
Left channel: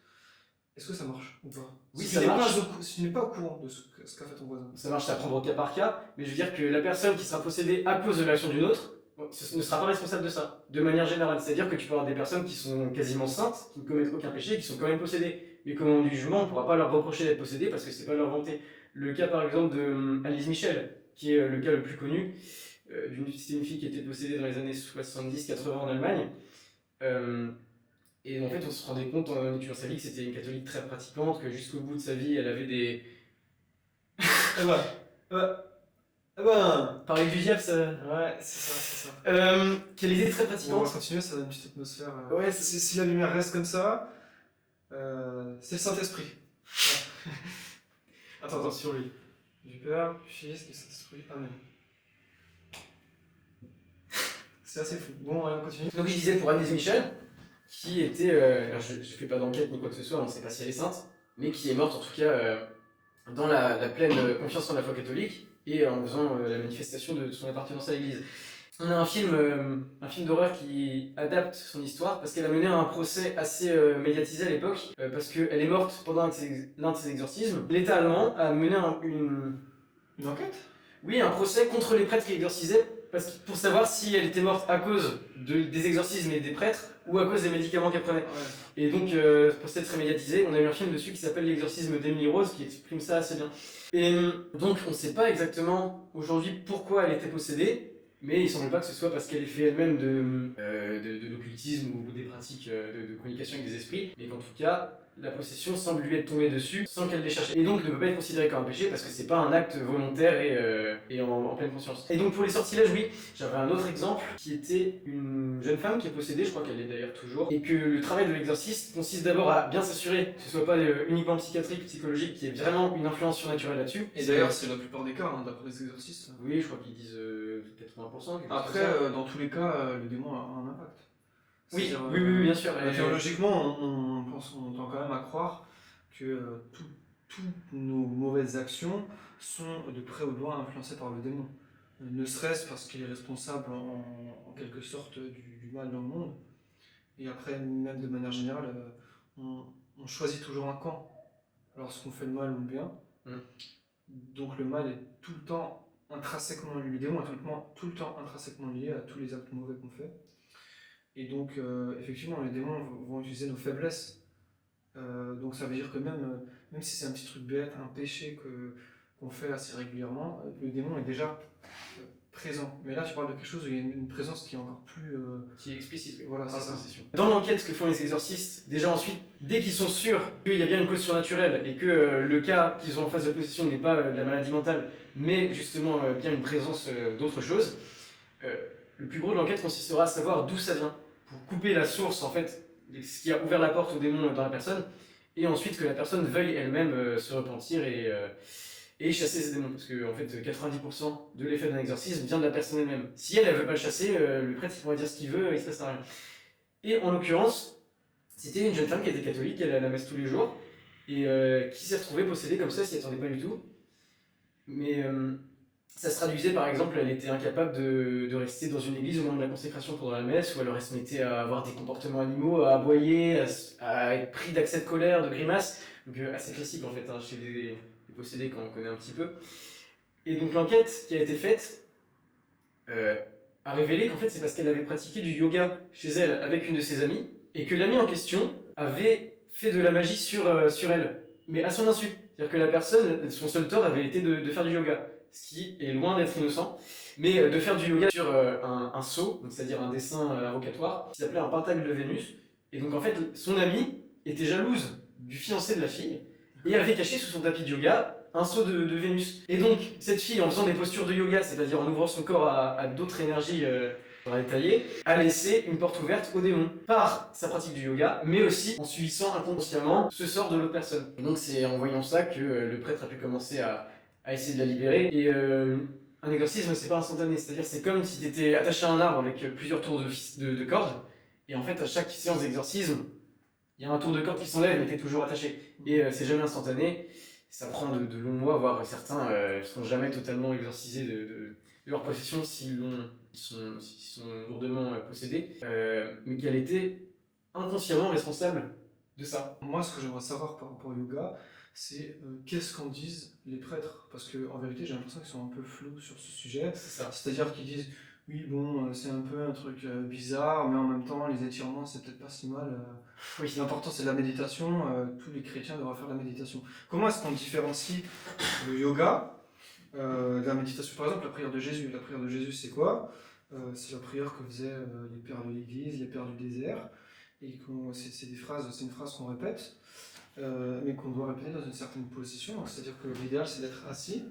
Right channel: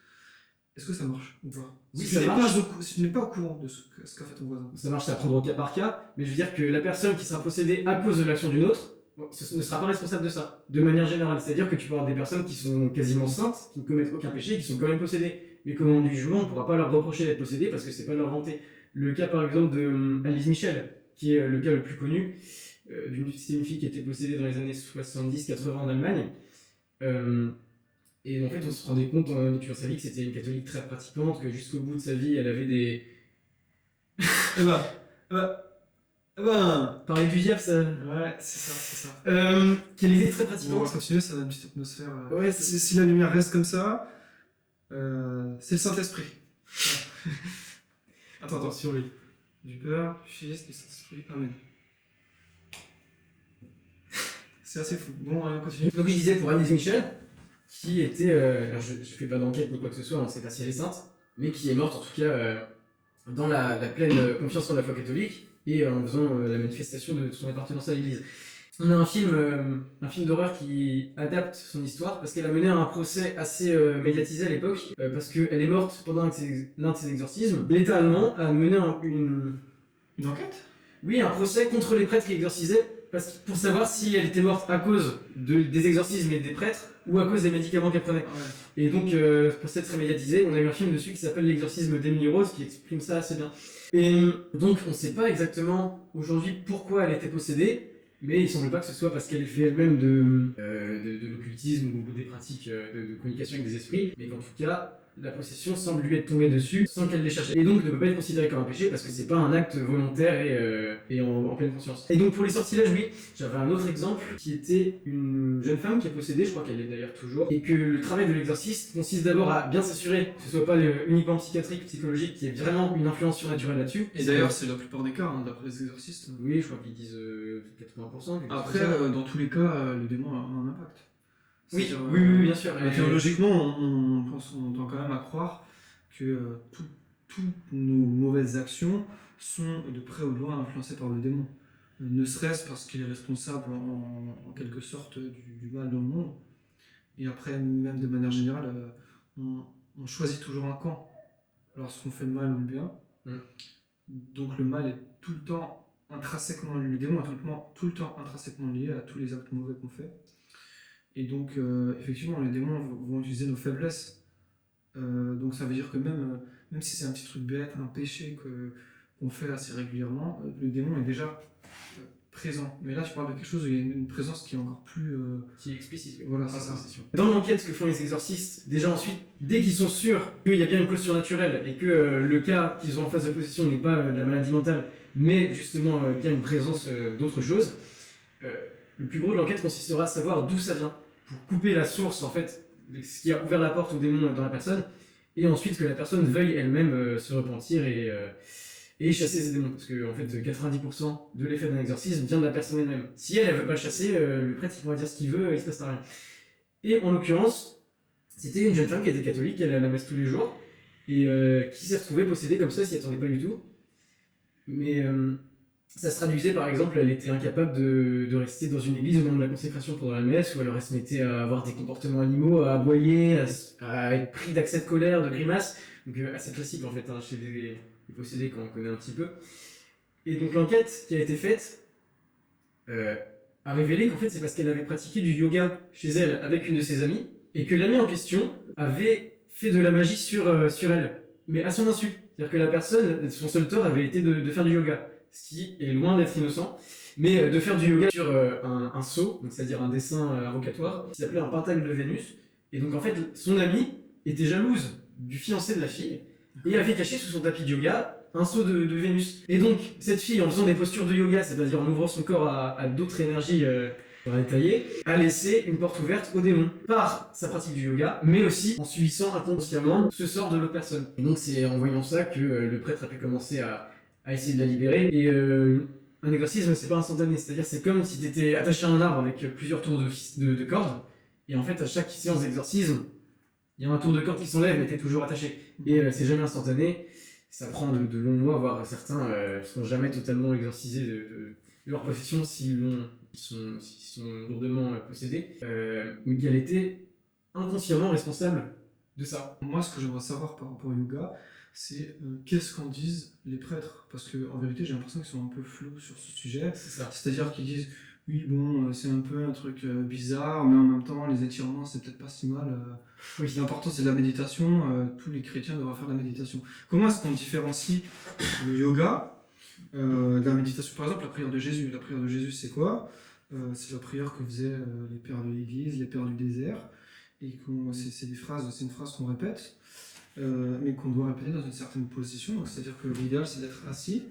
Est-ce que ça marche ou pas? Oui, si ça marche. Si tu n'es pas au courant de ce qu'a fait ton voisin. Ça marche à prendre au cas par cas, mais je veux dire que la personne qui sera possédée à cause de l'action d'une autre ne sera pas responsable de ça, de manière générale. C'est-à-dire que tu peux avoir des personnes qui sont quasiment saintes, qui ne commettent aucun péché, qui sont quand même possédées. Mais comme on du jugement, on ne pourra pas leur reprocher d'être possédées parce que c'est pas leur volonté. Le cas par exemple de Alice Michel, qui est le cas le plus connu, c'était une fille qui était possédée dans les années 70-80 en Allemagne. Et en fait, on se rendait compte en étudiant sa vie que c'était une catholique très pratiquante, que jusqu'au bout de sa vie, elle avait des. Parler du diable, ça. Ouais, c'est ça. Qu'elle était très Bon, on pratiquante. va continuer, ça donne une petite atmosphère. Ouais, si la lumière reste comme ça, c'est le Saint-Esprit. Ouais. Attends. sur lui. Du Père, du Fils, du Saint-Esprit. Amen. C'est assez fou. Bon, on continue. Donc je disais pour Annelise Michel, qui était. Alors je fais pas d'enquête ni quoi que ce soit, on ne sait pas si elle est sainte, mais qui est morte en tout cas dans la pleine confiance en la foi catholique et en faisant la manifestation de son appartenance à l'Église. On a un film d'horreur qui adapte son histoire parce qu'elle a mené un procès assez médiatisé à l'époque parce qu'elle est morte pendant l'un de ses exorcismes. L'État allemand a mené Une enquête? Oui, un procès contre les prêtres qui exorcisaient pour savoir si elle était morte à cause des exorcismes et des prêtres ou à cause des médicaments qu'elle prenait. Ouais. Et donc, le procès très médiatisé, on a eu un film dessus qui s'appelle L'exorcisme d'Emily Rose qui exprime ça assez bien. Et donc, on ne sait pas exactement aujourd'hui pourquoi elle était possédée, mais il ne semble pas que ce soit parce qu'elle ait fait elle-même de l'occultisme ou des pratiques de communication avec des esprits, mais qu'en tout cas, la possession semble lui être tombée dessus sans qu'elle l'ait cherché. Et donc ne peut pas être considéré comme un péché parce que c'est pas un acte volontaire et en pleine conscience. Et donc pour les sortilèges, oui, j'avais un autre exemple qui était une jeune femme qui est possédée, je crois qu'elle l'est d'ailleurs toujours, et que le travail de l'exorciste consiste d'abord à bien s'assurer que ce soit pas uniquement psychiatrique, psychologique, qu'il y ait vraiment une influence surnaturelle là-dessus. Et d'ailleurs, c'est la plupart des cas, hein, d'après les exorcistes. Oui, je crois qu'ils disent 80%. Après, dans tous les cas, le démon a un impact. Oui, C'est-à-dire, oui, bien sûr. Théologiquement, on tend quand même à croire que toutes nos mauvaises actions sont de près ou de loin influencées par le démon. Ne serait-ce parce qu'il est responsable en quelque sorte du mal dans le monde. Et après, même de manière générale, on choisit toujours un camp lorsqu'on fait le mal ou le bien. Donc le mal est tout le temps intrinsèquement, le démon est tout le temps intrinsèquement lié à tous les actes mauvais qu'on fait. Et donc, effectivement, les démons vont utiliser nos faiblesses. Donc, ça veut dire que même si c'est un petit truc bête, un péché qu'on fait assez régulièrement, le démon est déjà présent. Mais là, tu parles de quelque chose où il y a une présence qui est encore plus. Qui est explicite. Voilà, c'est ça. Dans l'enquête que font les exorcistes, déjà ensuite, dès qu'ils sont sûrs qu'il y a bien une cause surnaturelle et que le cas qu'ils ont en face de possession n'est pas de la maladie mentale, mais justement bien une présence d'autre chose, le plus gros de l'enquête consistera à savoir d'où ça vient, pour couper la source, en fait, ce qui a ouvert la porte au démon dans la personne, et ensuite que la personne veuille elle-même se repentir et chasser ces démons. Parce que, en fait, 90% de l'effet d'un exorcisme vient de la personne elle-même. Si elle veut pas le chasser, le prêtre il pourra dire ce qu'il veut, il se passe rien. Et en l'occurrence, c'était une jeune femme qui était catholique, qui allait à la messe tous les jours, et qui s'est retrouvée possédée comme ça, s'y attendait pas du tout. Mais ça se traduisait par exemple, elle était incapable de rester dans une église au moment de la consécration pendant la messe, ou alors elle se mettait à avoir des comportements animaux, à aboyer, à être pris d'accès de colère, de grimaces. Donc assez classique en fait, hein, chez les possédés quand on connaît un petit peu. Et donc l'enquête qui a été faite a révélé qu'en fait c'est parce qu'elle avait pratiqué du yoga chez elle avec une de ses amies, et que l'amie en question avait fait de la magie sur elle, mais à son insu. C'est-à-dire que la personne, son seul tort avait été de faire du yoga, ce qui est loin d'être innocent, mais de faire du yoga sur un sceau, c'est-à-dire un dessin avocatoire, qui s'appelait un pentacle de Vénus. Et donc en fait, son amie était jalouse du fiancé de la fille, et avait caché sous son tapis de yoga un sceau de Vénus. Et donc, cette fille, en faisant des postures de yoga, c'est-à-dire en ouvrant son corps à d'autres énergies on va détailler, a laissé une porte ouverte au démon par sa pratique du yoga, mais aussi en subissant inconsciemment ce sort de l'autre personne. Et donc c'est en voyant ça que le prêtre a pu commencer à essayer de la libérer. Et un exorcisme, c'est pas instantané, c'est-à-dire c'est comme si tu étais attaché à un arbre avec plusieurs tours de cordes, Et en fait, à chaque séance d'exorcisme, il y a un tour de corde qui s'enlève, mais t'es toujours attaché. Et c'est jamais instantané. Ça prend de longs mois, voire certains ne seront jamais totalement exorcisés de leur possession s'ils sont lourdement possédés. Mais qu'elle était inconsciemment responsable de ça. Moi, ce que j'aimerais savoir par rapport au yoga, c'est qu'est-ce qu'en disent les prêtres. Parce qu'en vérité, j'ai l'impression qu'ils sont un peu flous sur ce sujet. C'est ça. C'est-à-dire qu'ils disent, oui, bon, c'est un peu un truc bizarre, mais en même temps, les étirements, c'est peut-être pas si mal. Oui. L'important, c'est de la méditation. Tous les chrétiens devraient faire de la méditation. Comment est-ce qu'on différencie le yoga de la méditation? Par exemple, la prière de Jésus. La prière de Jésus, c'est quoi? C'est la prière que faisaient les pères de l'Église, les pères du désert. Et c'est une phrase qu'on répète, mais qu'on doit répéter dans une certaine position. C'est-à-dire que l'idéal, c'est d'être assis,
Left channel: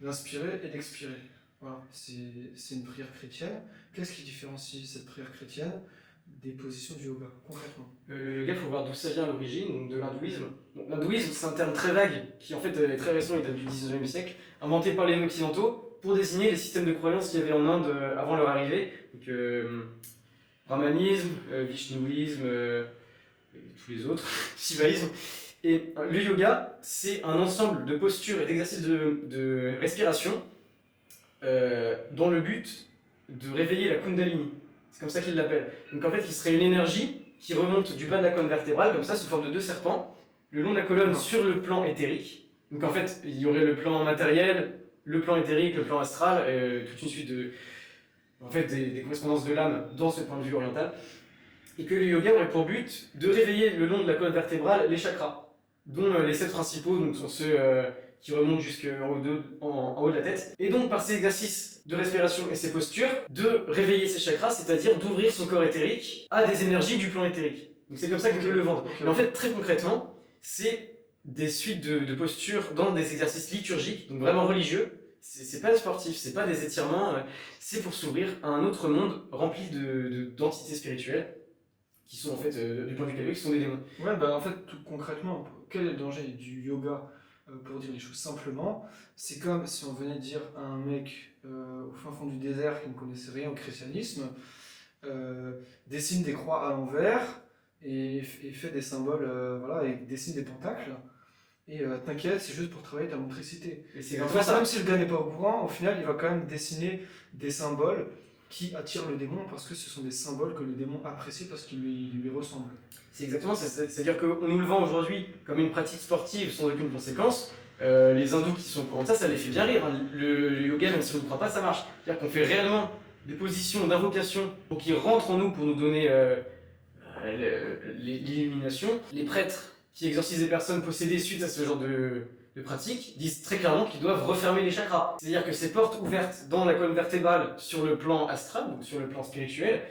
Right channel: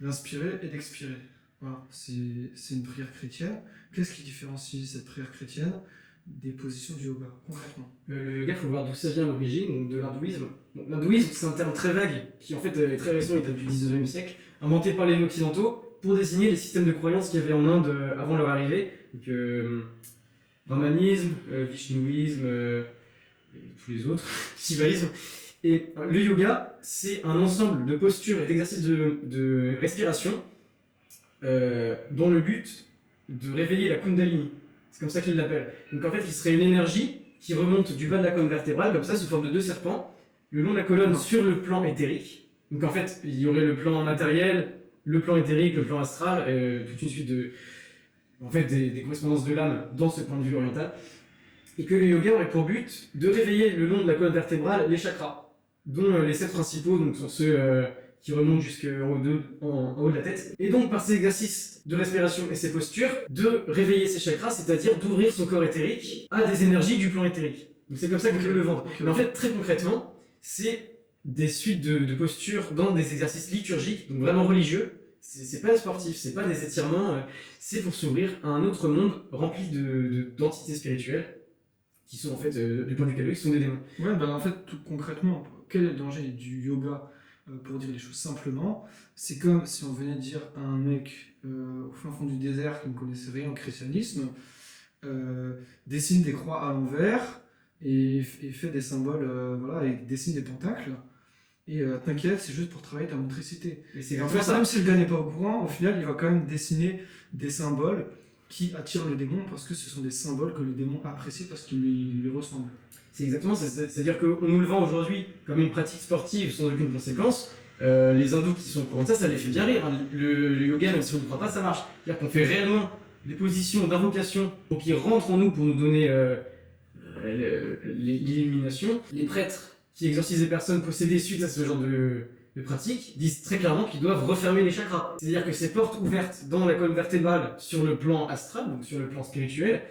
d'inspirer et d'expirer. Voilà, c'est une prière chrétienne. Qu'est-ce qui différencie cette prière chrétienne des positions du yoga, concrètement? Le yoga, il faut voir d'où ça vient à l'origine, donc de l'hindouisme. Donc, l'hindouisme, c'est un terme très vague, qui en fait est très récent, il date du 19e siècle, inventé par les occidentaux pour désigner les systèmes de croyances qu'il y avait en Inde avant leur arrivée. Donc, brahmanisme, vishnouisme, et tous les autres, shivaïsme. Et le yoga, c'est un ensemble de postures et d'exercices de respiration dans le but de réveiller la Kundalini. C'est comme ça qu'ils l'appellent. Donc en fait, il serait une énergie qui remonte du bas de la colonne vertébrale, comme ça, sous forme de 2 serpents, le long de la colonne sur le plan éthérique. Donc en fait, il y aurait le plan matériel, le plan éthérique, le plan astral, toute une suite des correspondances de l'âme dans ce point de vue oriental. Et que le yoga aurait pour but de réveiller le long de la colonne vertébrale les chakras, dont les 7 principaux donc, sont ceux qui remontent en haut de la tête. Et donc, par ces exercices de respiration et ces postures, de réveiller ces chakras, c'est-à-dire d'ouvrir son corps éthérique à des énergies du plan éthérique. Donc, c'est comme ça que je le vends. Mais en fait, très concrètement, c'est des suites de postures dans des exercices liturgiques, donc vraiment religieux. C'est pas sportif, c'est pas des étirements, c'est pour s'ouvrir à un autre monde rempli d'entités spirituelles qui sont en fait, du point de vue catholique, qui sont des démons. Ouais, bah en fait, tout concrètement, quel est le danger du yoga? Pour dire les choses simplement, c'est comme si on venait dire à un mec au fin fond du désert qui ne connaissait rien au christianisme, dessine des croix à l'envers et fait des symboles, voilà, et dessine des pentacles. Et t'inquiète, c'est juste pour travailler ta motricité. Et c'est Et en comme fait, ça. même si le gars n'est pas au courant, au final, il va quand même dessiner des symboles qui attirent le démon parce que ce sont des symboles que le démon apprécie parce qu'ils lui ressemblent. C'est exactement ça. C'est-à-dire qu'on nous le vend aujourd'hui comme une pratique sportive sans aucune conséquence. Les hindous qui sont au courant de ça, ça les fait bien rire. Hein. Le yoga, même si on ne croit pas, ça marche. C'est-à-dire qu'on fait réellement des positions d'invocation pour qu'ils rentrent en nous pour nous donner l'illumination. Les prêtres qui exorcisent les personnes possédées suite à ce genre de pratique disent très clairement qu'ils doivent refermer les chakras. C'est-à-dire que ces portes ouvertes dans la colonne vertébrale sur le plan astral, donc sur le plan spirituel,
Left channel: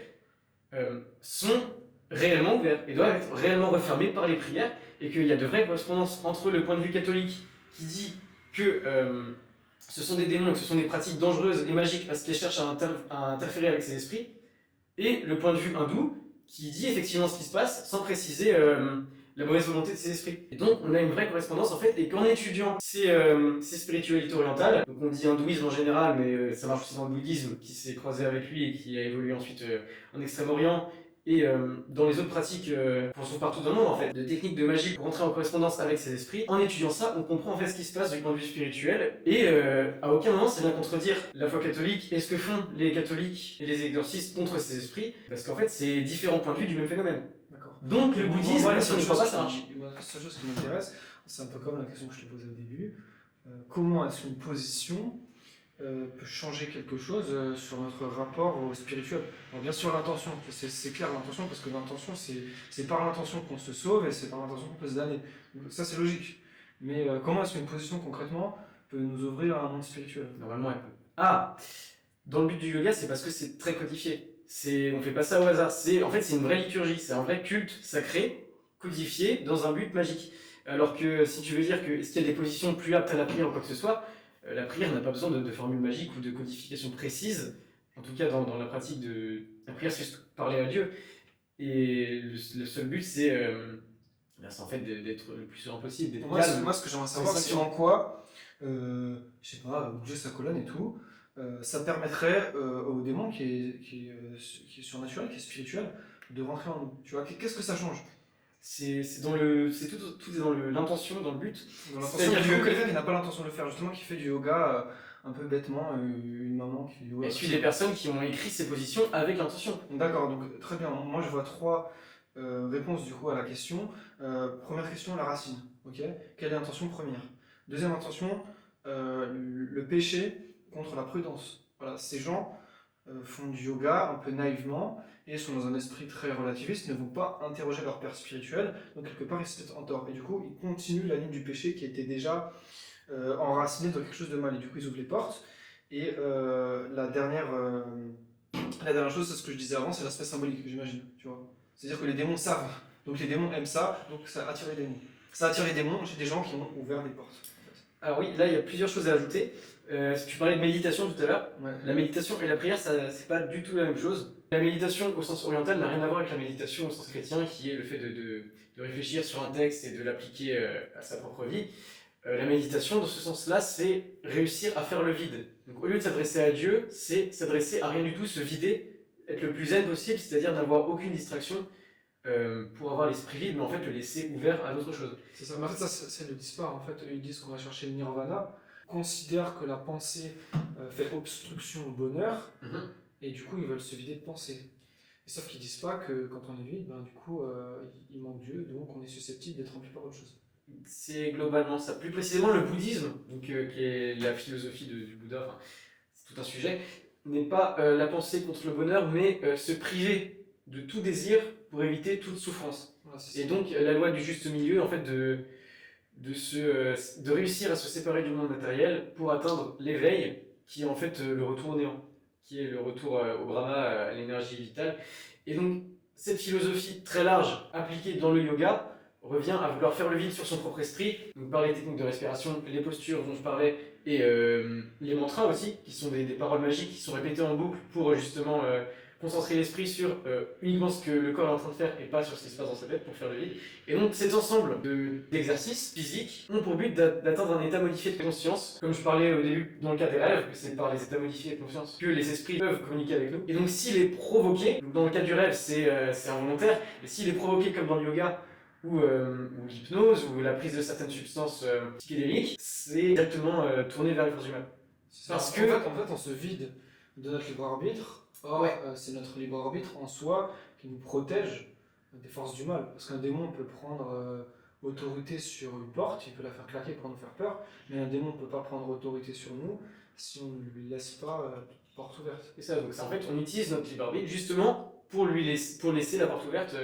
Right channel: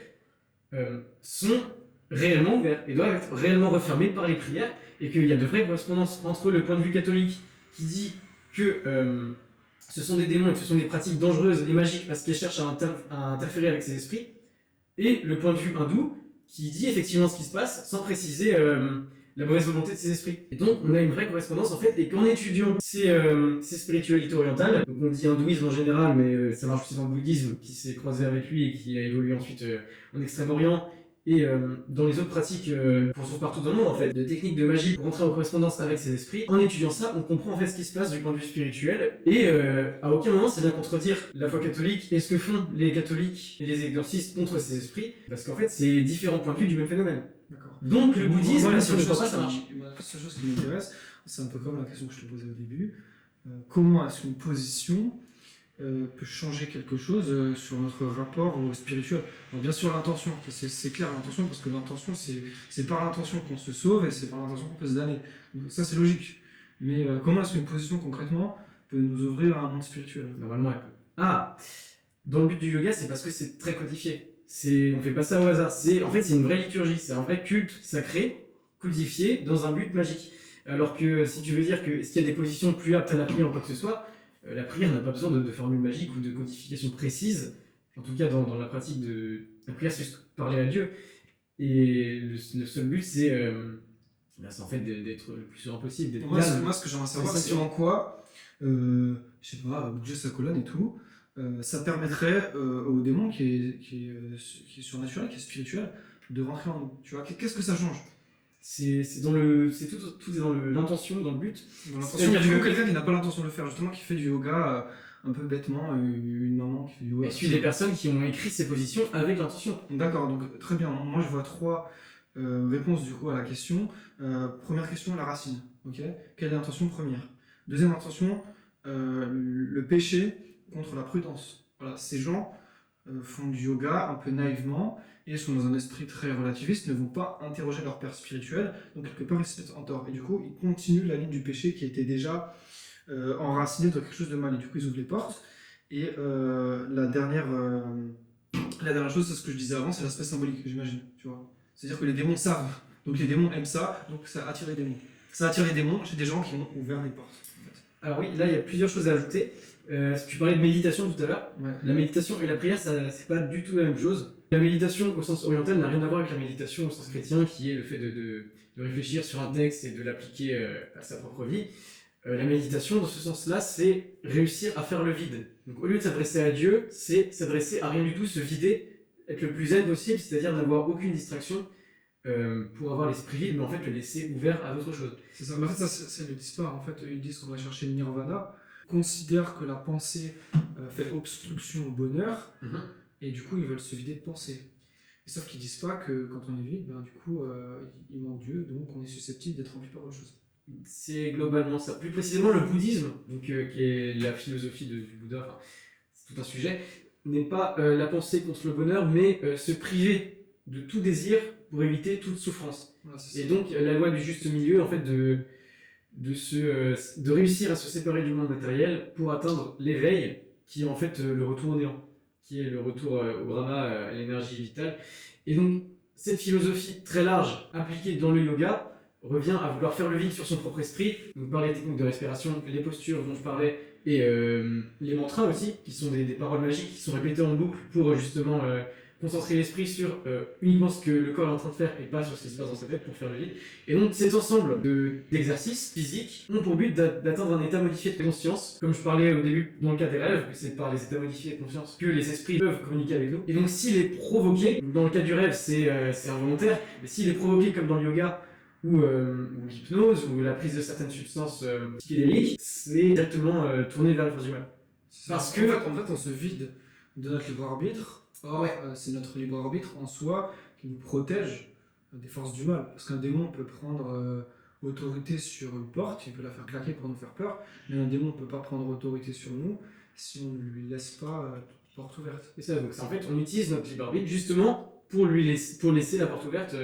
sont réellement ouvertes et doivent être réellement refermées par les prières, et qu'il y a de vraies correspondances entre le point de vue catholique qui dit que ce sont des démons et que ce sont des pratiques dangereuses et magiques parce qu'elles cherchent à interférer avec ces esprits, et le point de vue hindou qui dit effectivement ce qui se passe sans préciser la mauvaise volonté de ces esprits. Et donc on a une vraie correspondance en fait, et qu'en étudiant ces spiritualités orientales, donc on dit hindouisme en général, mais ça marche aussi dans le bouddhisme qui s'est croisé avec lui et qui a évolué ensuite en Extrême-Orient, et dans les autres pratiques qu'on trouve partout dans le monde en fait, de techniques de magie pour entrer en correspondance avec ces esprits, en étudiant ça, on comprend en fait ce qui se passe du point de vue spirituel, et à aucun moment ça vient contredire la foi catholique et ce que font les catholiques et les exorcistes contre ces esprits, parce qu'en fait c'est différents points de vue du même phénomène. D'accord. Donc le bouddhisme, Moi, la si on seule ne croit chose pas, ça marche. la seule chose qui m'intéresse, c'est un peu comme la question que je te posais au début. Comment est-ce qu'une position peut changer quelque chose sur notre rapport au spirituel? Alors bien sûr l'intention, c'est clair l'intention, parce que l'intention c'est par l'intention qu'on se sauve et c'est par l'intention qu'on peut se damner. Donc, ça c'est logique. Mais comment est-ce qu'une position concrètement peut nous ouvrir à un monde spirituel? Normalement elle peut. Ah, dans le but du yoga, c'est parce que c'est très codifié. On fait pas ça au hasard. En fait c'est une vraie liturgie, c'est un vrai culte sacré codifié dans un but magique. Alors que si tu veux dire que est-ce qu'il y a des positions plus aptes à la prière ou quoi que ce soit, la prière n'a pas besoin de formule magique ou de codification précise. En tout cas, dans la pratique de la prière, c'est juste parler à Dieu. Et le seul but, c'est en fait d'être le plus serein possible. Moi, ce que j'aimerais savoir, c'est en quoi, je sais pas, bouger sa colonne et tout, ça permettrait au démon qui est surnaturel, qui est spirituel, de rentrer en nous. Tu vois, qu'est-ce que ça change? Tout est dans l'intention, dans le but. Dans l'intention, C'est-à-dire du coup, que- quelqu'un qui n'a pas l'intention de le faire, justement, qui fait du yoga un peu bêtement, une maman qui fait du yoga. Je suis des personnes qui ont écrit ces positions avec l'intention. D'accord, donc très bien. Moi, je vois trois réponses du coup à la question. Première question, la racine. Ok. Quelle est l'intention première? Deuxième intention, le péché contre la prudence. Voilà, ces gens font du yoga un peu naïvement et sont dans un esprit très relativiste, ne vont pas interroger leur père spirituel, donc quelque part ils se mettent en tort. Et du coup, ils continuent la ligne du péché qui était déjà enracinée dans quelque chose de mal. Et du coup, ils ouvrent les portes. Et la dernière chose, c'est ce que je disais avant, c'est l'aspect symbolique, j'imagine. Tu vois. C'est-à-dire que les démons savent. Donc les démons aiment ça, donc ça attire les démons. Ça attire les démons chez des gens qui ont ouvert des portes. En fait. Alors oui, là il y a plusieurs choses à ajouter. Tu parlais de méditation tout à l'heure. Ouais. La méditation et la prière, c'est pas du tout la même chose. La méditation au sens oriental n'a rien à voir avec la méditation au sens chrétien, qui est le fait de réfléchir sur un texte et de l'appliquer à sa propre vie. La méditation, dans ce sens-là, c'est réussir à faire le vide. Donc au lieu de s'adresser à Dieu, c'est s'adresser à rien du tout, se vider, être le plus zen possible, c'est-à-dire n'avoir aucune distraction pour avoir l'esprit vide, mais en fait le laisser ouvert à d'autres choses. C'est ça. Mais en fait, ça, c'est le dispar. En fait, eux, ils disent qu'on va chercher le nirvana, considèrent que la pensée fait obstruction au bonheur, et du coup, ils veulent se vider de pensée. Et sauf qu'ils disent pas que quand on est vide, ben, du coup, il manque Dieu, donc on est susceptible d'être rempli par autre chose. C'est globalement ça. Plus précisément, le bouddhisme, donc, qui est la philosophie du Bouddha, enfin, c'est tout un sujet, n'est pas la pensée contre le bonheur, mais se priver de tout désir pour éviter toute souffrance. Voilà, Et donc, la loi du juste milieu, en fait, de réussir à se séparer du monde matériel pour atteindre l'éveil, qui est en fait le retour au néant, qui est le retour au Brahma, à l'énergie vitale. Et donc, cette philosophie très large appliquée dans le yoga revient à vouloir faire le vide sur son propre esprit, donc par les techniques de respiration, les postures dont je parlais, et les mantras aussi, qui sont des paroles magiques qui sont répétées en boucle pour justement concentrer l'esprit sur uniquement ce que le corps est en train de faire et pas sur ce qui se passe dans sa tête pour faire le vide. Et donc cet ensemble d'exercices physiques ont pour but d'atteindre un état modifié de conscience, comme je parlais au début dans le cas des rêves, que c'est par les états modifiés de conscience que les esprits peuvent communiquer avec nous. Et donc s'il est provoqué, dans le cas du rêve c'est involontaire, mais s'il est provoqué comme dans le yoga, ou l'hypnose, ou la prise de certaines substances psychédéliques, c'est directement tourné vers les forces du mal. Parce que en fait, on se vide de notre libre arbitre. Or, c'est notre libre arbitre en soi qui nous protège des forces du mal. Parce qu'un démon peut prendre autorité sur une porte, il peut la faire claquer pour nous faire peur, mais un démon ne peut pas prendre autorité sur nous si on ne lui laisse pas porte ouverte. Et ça, donc en fait, on utilise notre libre arbitre justement pour laisser la porte ouverte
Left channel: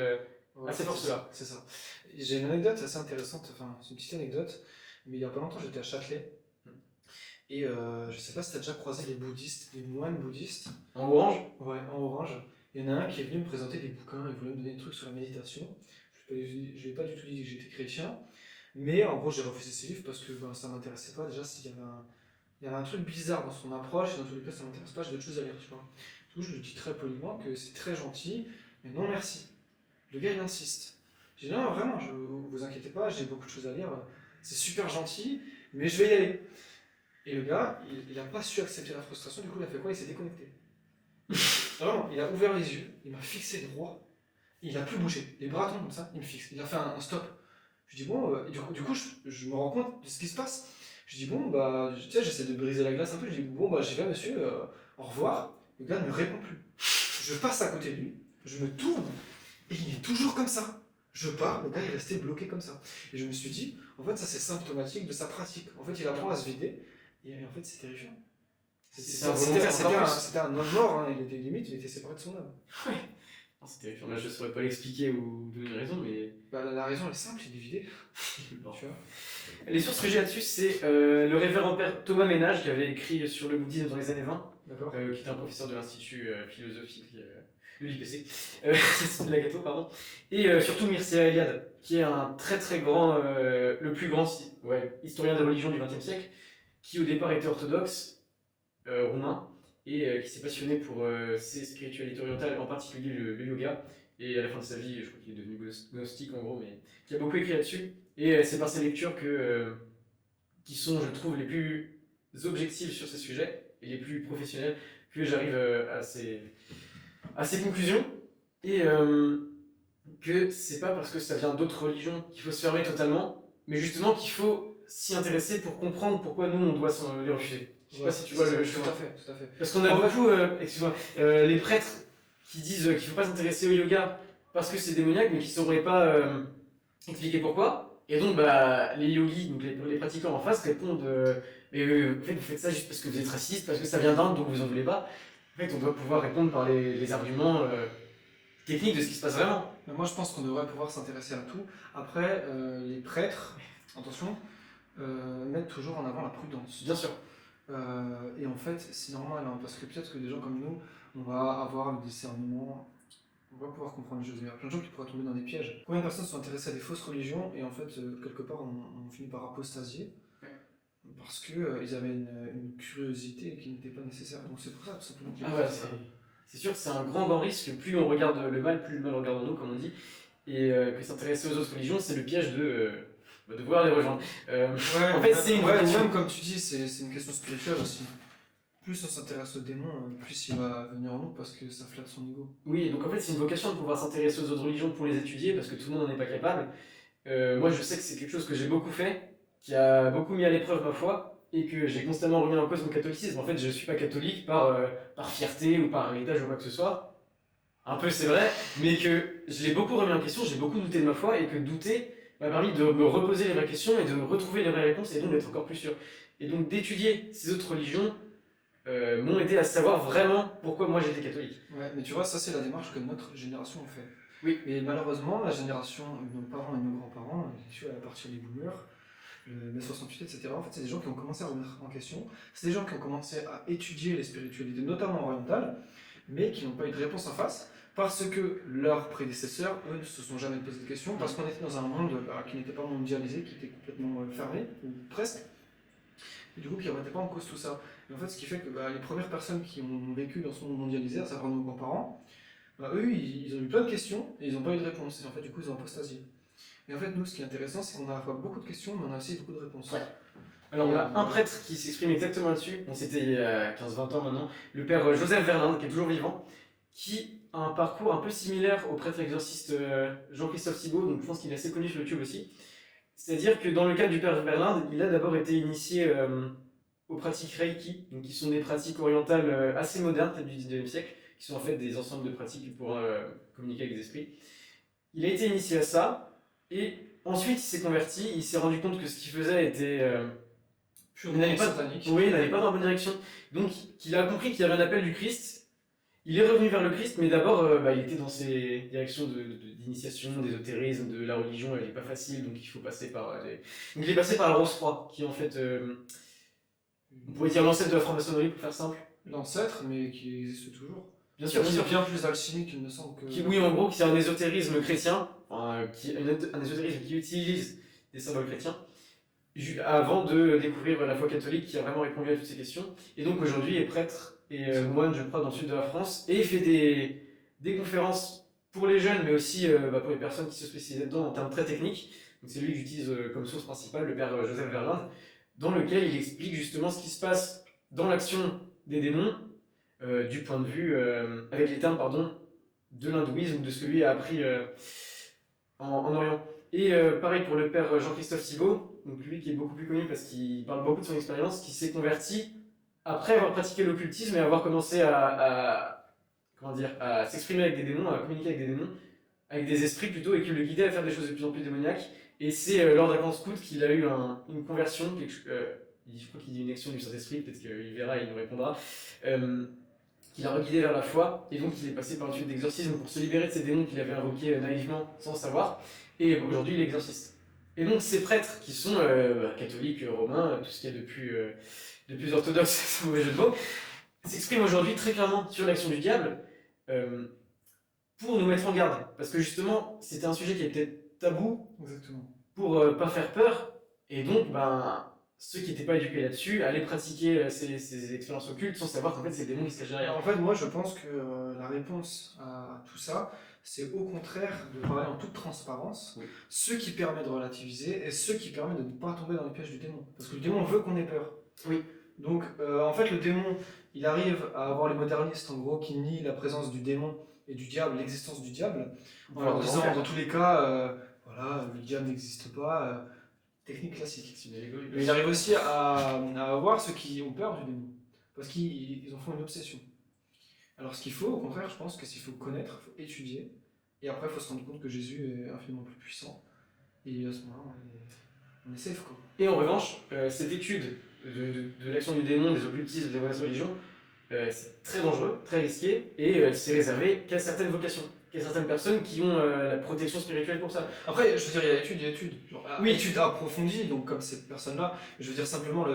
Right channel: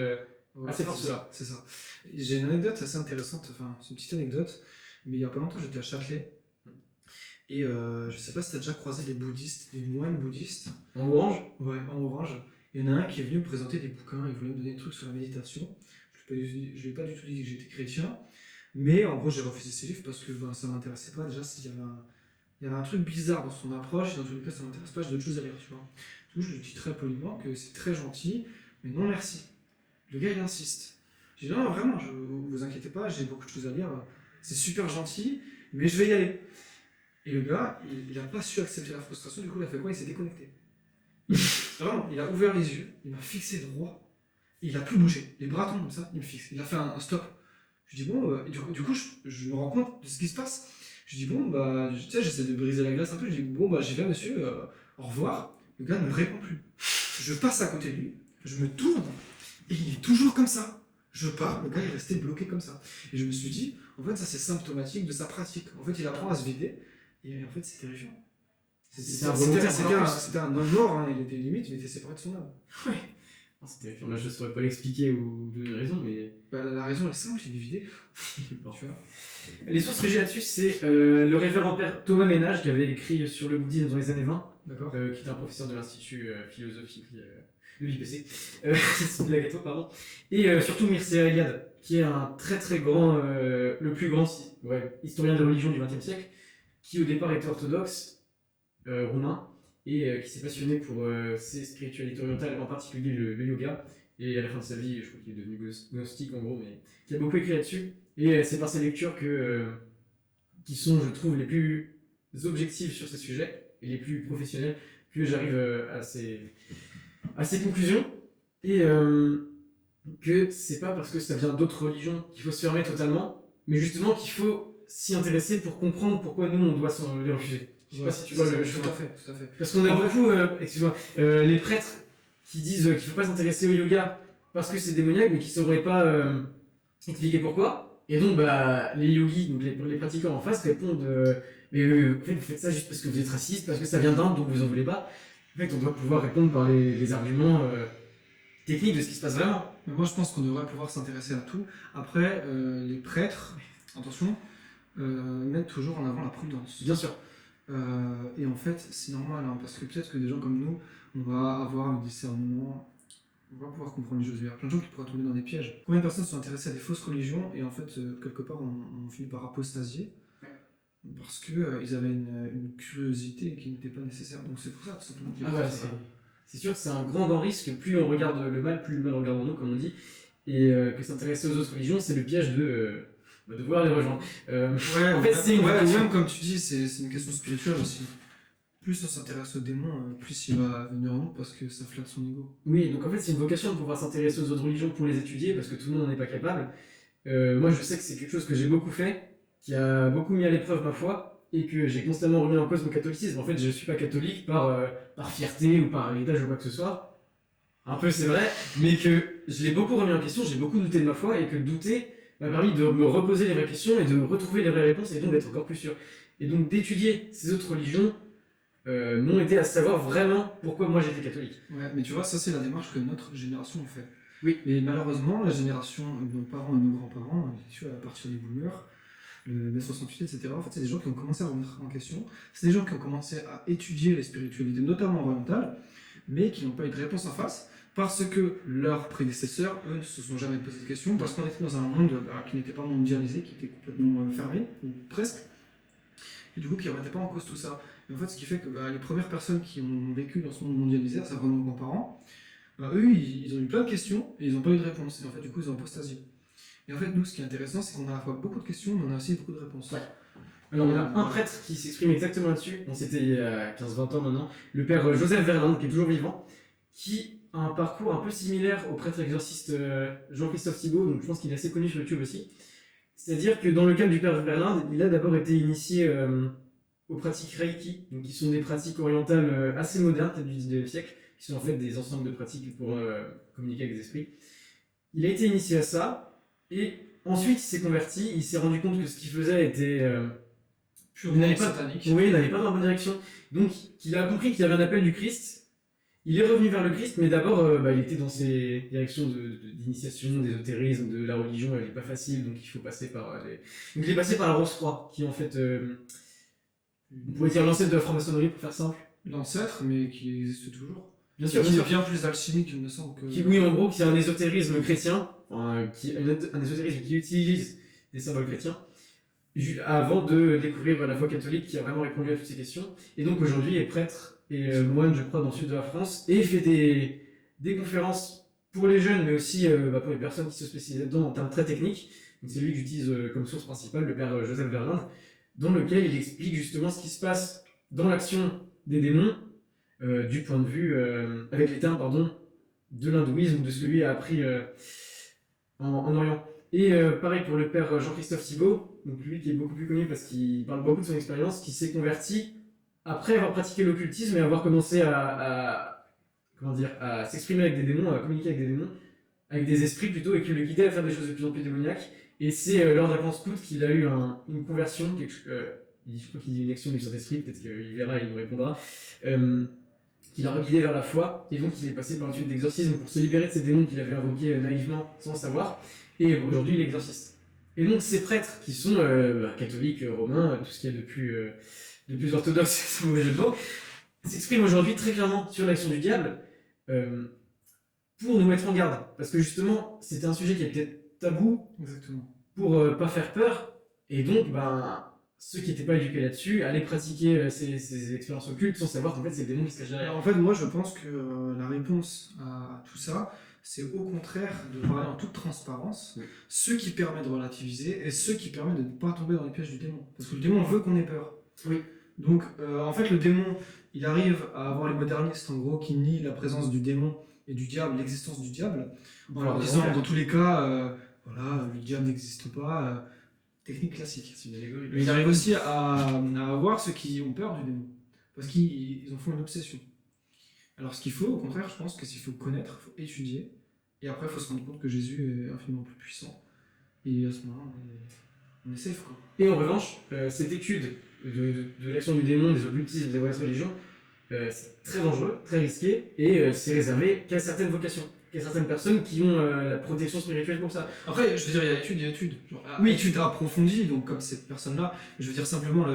à ces forces-là. C'est ça. J'ai une anecdote assez intéressante, enfin, c'est une petite anecdote, mais il y a pas longtemps, j'étais à Châtelet. Et je sais pas si tu as déjà croisé des bouddhistes, des moines bouddhistes. En orange? Ouais, en orange. Il y en a un qui est venu me présenter des bouquins, il voulait me donner des trucs sur la méditation. Je lui ai pas du tout dit que j'étais chrétien, mais en gros j'ai refusé ses livres parce que ben, ça m'intéressait pas. Déjà, il y avait un truc bizarre dans son approche, et dans tous les cas ça m'intéresse pas, j'ai d'autres choses à lire, tu vois. Du coup, je lui dis très poliment que c'est très gentil, mais non merci. Le gars il insiste. J'ai dit non, vraiment, vous inquiétez pas, j'ai beaucoup de choses à lire, c'est super gentil, mais je vais y aller. Et le gars, il n'a pas su accepter la frustration, du coup il a fait quoi? Il s'est déconnecté. Vraiment, il a ouvert les yeux, il m'a fixé droit, il a plus bougé. Les bras tombent comme ça, il me fixe. Il a fait un stop. Je dis bon, et du coup je me rends compte de ce qui se passe. Je dis bon, bah, tu sais, j'essaie de briser la glace un peu. Je dis bon, bah, j'y vais monsieur, au revoir. Le gars ne me répond plus. Je passe à côté de lui, je me tourne, et il est toujours comme ça. Je pars, le gars est resté bloqué comme ça. Et je me suis dit, en fait, ça c'est symptomatique de sa pratique. En fait, il apprend à se vider, et en fait, c'est terrifiant. C'était un homme mort, hein. Il était limite, il était séparé de son âme. Ouais. C'est terrifiant. Là, je saurais pas l'expliquer ou donner une raison, mais. Bah, la raison elle est simple, il est vidé. Bon. Tu vois. Les sources que j'ai là-dessus, c'est le révérend père Thomas Ménage qui avait écrit sur le bouddhisme dans les années 20, D'accord. qui était un professeur de l'Institut philosophique de l'IPC, de la Gâteau, pardon, et surtout Mircea Eliade, qui est un très très grand, le plus grand historien des religions du XXe siècle, qui au départ était orthodoxe, roumain, et qui s'est passionné pour ses spiritualités orientales, en particulier le yoga, et à la fin de sa vie, je crois qu'il est devenu gnostique en gros, mais qui a beaucoup écrit là-dessus, et c'est par ses lectures qui sont, je trouve, les plus objectives sur ces sujets, et les plus professionnels que j'arrive à ces conclusions. Et que c'est pas parce que ça vient d'autres religions qu'il faut se fermer totalement, mais justement qu'il faut s'y intéresser pour comprendre pourquoi nous on doit s'en les refuser. Je sais pas si tu vois le Tout chemin. à fait, tout à fait. Parce qu'on a En fait- beaucoup, excuse-moi, les prêtres qui disent qu'il faut pas s'intéresser au yoga parce que c'est démoniaque, mais qui sauraient pas expliquer pourquoi. Et donc bah, les yogis, donc les pratiquants en face répondent mais en fait vous faites ça juste parce que vous êtes raciste, parce que ça vient d'Inde donc vous en voulez pas. En fait on doit pouvoir répondre par les arguments techniques de ce qui se passe vraiment. Mais moi, je pense qu'on devrait pouvoir s'intéresser à tout. Après, les prêtres, attention, mettent toujours en avant la prudence. Bien sûr. Et en fait, c'est normal, hein, parce que peut-être que des gens comme nous, on va avoir un discernement, on va pouvoir comprendre les choses. Il y a plein de gens qui pourraient tomber dans des pièges. Combien de personnes sont intéressées à des fausses religions et en fait, quelque part, on finit par apostasier parce qu'ils ils avaient une curiosité qui n'était pas nécessaire. Donc c'est pour ça, tout simplement. Ah ouais, c'est sûr que c'est un grand risque. Plus on regarde le mal, plus le mal regarde nous, comme on dit. Et que s'intéresser aux autres religions, c'est le piège de vouloir les rejoindre. Ouais, en fait, c'est une vocation. même comme tu dis, c'est une question spirituelle aussi. Plus on s'intéresse au démon, plus il va venir en nous parce que ça flatte son ego. Oui, donc en fait, c'est une vocation de pouvoir s'intéresser aux autres religions pour les étudier, parce que tout le monde n'en est pas capable. Moi, je sais que c'est quelque chose que j'ai beaucoup fait, qui a beaucoup mis à l'épreuve ma foi, et que j'ai constamment remis en cause mon catholicisme. En fait, je suis pas catholique par fierté ou par héritage ou quoi que ce soit. Un peu, c'est vrai, mais que je l'ai beaucoup remis en question, j'ai beaucoup douté de ma foi, et que douter m'a permis de me reposer les vraies questions et de retrouver les vraies réponses, et donc d'être encore plus sûr. Et donc d'étudier ces autres religions m'ont aidé à savoir vraiment pourquoi moi j'étais catholique. Ouais, mais tu vois, ça c'est la démarche que notre génération fait. Oui. Mais malheureusement, la génération de nos parents et de nos grands-parents, tu vois, à partir des boomers, le mai 68, etc., en fait, c'est des gens qui ont commencé à remettre en question. C'est des gens qui ont commencé à étudier les spiritualités, notamment orientales, mais qui n'ont pas eu de réponse en face, parce que leurs prédécesseurs, eux, ne se sont jamais posé de questions, parce qu'on était dans un monde qui n'était pas mondialisé, qui était complètement fermé, ou presque, et du coup qui ne remettait pas en cause tout ça. Et en fait, ce qui fait que les premières personnes qui ont vécu dans ce monde mondialisé, à savoir nos grands-parents, eux, ils ont eu plein de questions et ils n'ont pas eu de réponse. Et en fait, du coup, ils ont apostasié. Et en fait, nous, ce qui est intéressant, c'est qu'on a à la fois beaucoup de questions, mais on a aussi beaucoup de réponses. Ouais. Alors, on a un prêtre qui s'exprime exactement là-dessus. Bon, c'était il y a 15-20 ans maintenant. Le père Joseph Verlinde, qui est toujours vivant, qui a un parcours un peu similaire au prêtre exorciste Jean-Christophe Thibault, donc je pense qu'il est assez connu sur YouTube aussi. C'est-à-dire que dans le cas du père Verlinde, il a d'abord été initié aux pratiques Reiki, donc qui sont des pratiques orientales assez modernes, peut-être du 19e siècle, qui sont en fait des ensembles de pratiques pour communiquer avec des esprits. Il a été initié à ça, et ensuite il s'est converti, il s'est rendu compte que ce qu'il faisait était purement satanique. Oui, il n'allait pas dans la bonne direction. Donc il a compris qu'il y avait un appel du Christ, il est revenu vers le Christ, mais d'abord il était dans ces directions d'initiation, d'ésotérisme, de la religion, elle n'est pas facile, donc il faut passer par donc il est passé par la Rose-Croix, qui est en fait, on pourrait dire l'ancêtre de la franc-maçonnerie pour faire simple. L'ancêtre, mais qui existe toujours. Bien sûr, C'est bien plus alchimique, il me semble que. Oui, en gros, c'est un ésotérisme chrétien, un ésotérisme qui utilise des symboles chrétiens, avant de découvrir la foi catholique qui a vraiment répondu à toutes ces questions. Et donc aujourd'hui, il est prêtre et moine, je crois, dans le sud de la France, et il fait des conférences pour les jeunes, mais aussi pour les personnes qui se spécialisent là-dedans en termes très techniques. Donc c'est lui que j'utilise comme source principale, le père Joseph Verlinde, dans lequel il explique justement ce qui se passe dans l'action des démons, du point de vue, avec les termes, pardon, de l'hindouisme, de ce que lui a appris en Orient. Et pareil pour le père Jean-Christophe Thibault, donc lui qui est beaucoup plus connu parce qu'il parle beaucoup de son expérience, qui s'est converti après avoir pratiqué l'occultisme et avoir commencé comment dire, à s'exprimer avec des démons, à communiquer avec des démons, avec des esprits plutôt, et qui le guidait à faire des choses de plus en plus démoniaques. Et c'est lors d'un camp scout qu'il a eu une conversion, je crois qu'il dit une action du Saint-Esprit, peut-être qu'il verra et il nous répondra, qu'il a reguidé vers la foi, et donc il est passé par une suite d'exorcisme pour se libérer de ces démons qu'il avait invoqués naïvement sans le savoir, et aujourd'hui il est exorciste. Et donc ces prêtres qui sont catholiques, romains, tout ce qu'il y a de plus orthodoxe, c'est un mauvais jeu de mots, s'expriment aujourd'hui très clairement sur l'action du diable pour nous mettre en garde. Parce que justement, c'était un sujet qui était tabou. Exactement. Pour pas faire peur, et donc ceux qui n'étaient pas éduqués là-dessus allaient pratiquer ces expériences occultes sans savoir qu'en fait c'est le démon qui se cache derrière. En fait, moi je pense que la réponse à tout ça, c'est au contraire de parler en toute transparence, oui. Ce qui permet de relativiser et ce qui permet de ne pas tomber dans les pièges du démon. Parce que le démon veut qu'on ait peur. Oui. Donc, en fait, le démon, il arrive à avoir les modernistes, en gros, qui nient la présence du démon et du diable, l'existence du diable, en leur disant, dans tous les cas, voilà, le diable n'existe pas, technique classique. C'est une allégorie. Mais il arrive aussi à avoir ceux qui ont peur du démon, parce qu'ils en font une obsession. Alors, ce qu'il faut, au contraire, je pense que s'il faut connaître, il faut étudier, et après, il faut se rendre compte que Jésus est infiniment plus puissant, et à ce moment-là, on est safe, quoi. Et en revanche, cette étude de l'action du démon, des occultismes, des mauvaises religions, c'est très dangereux, très risqué, et c'est réservé qu'à certaines vocations, qu'à certaines personnes qui ont la protection spirituelle pour ça. Après, je veux dire, il y a étude. Genre, Oui. Étude approfondie, donc comme cette personne-là, je veux dire simplement,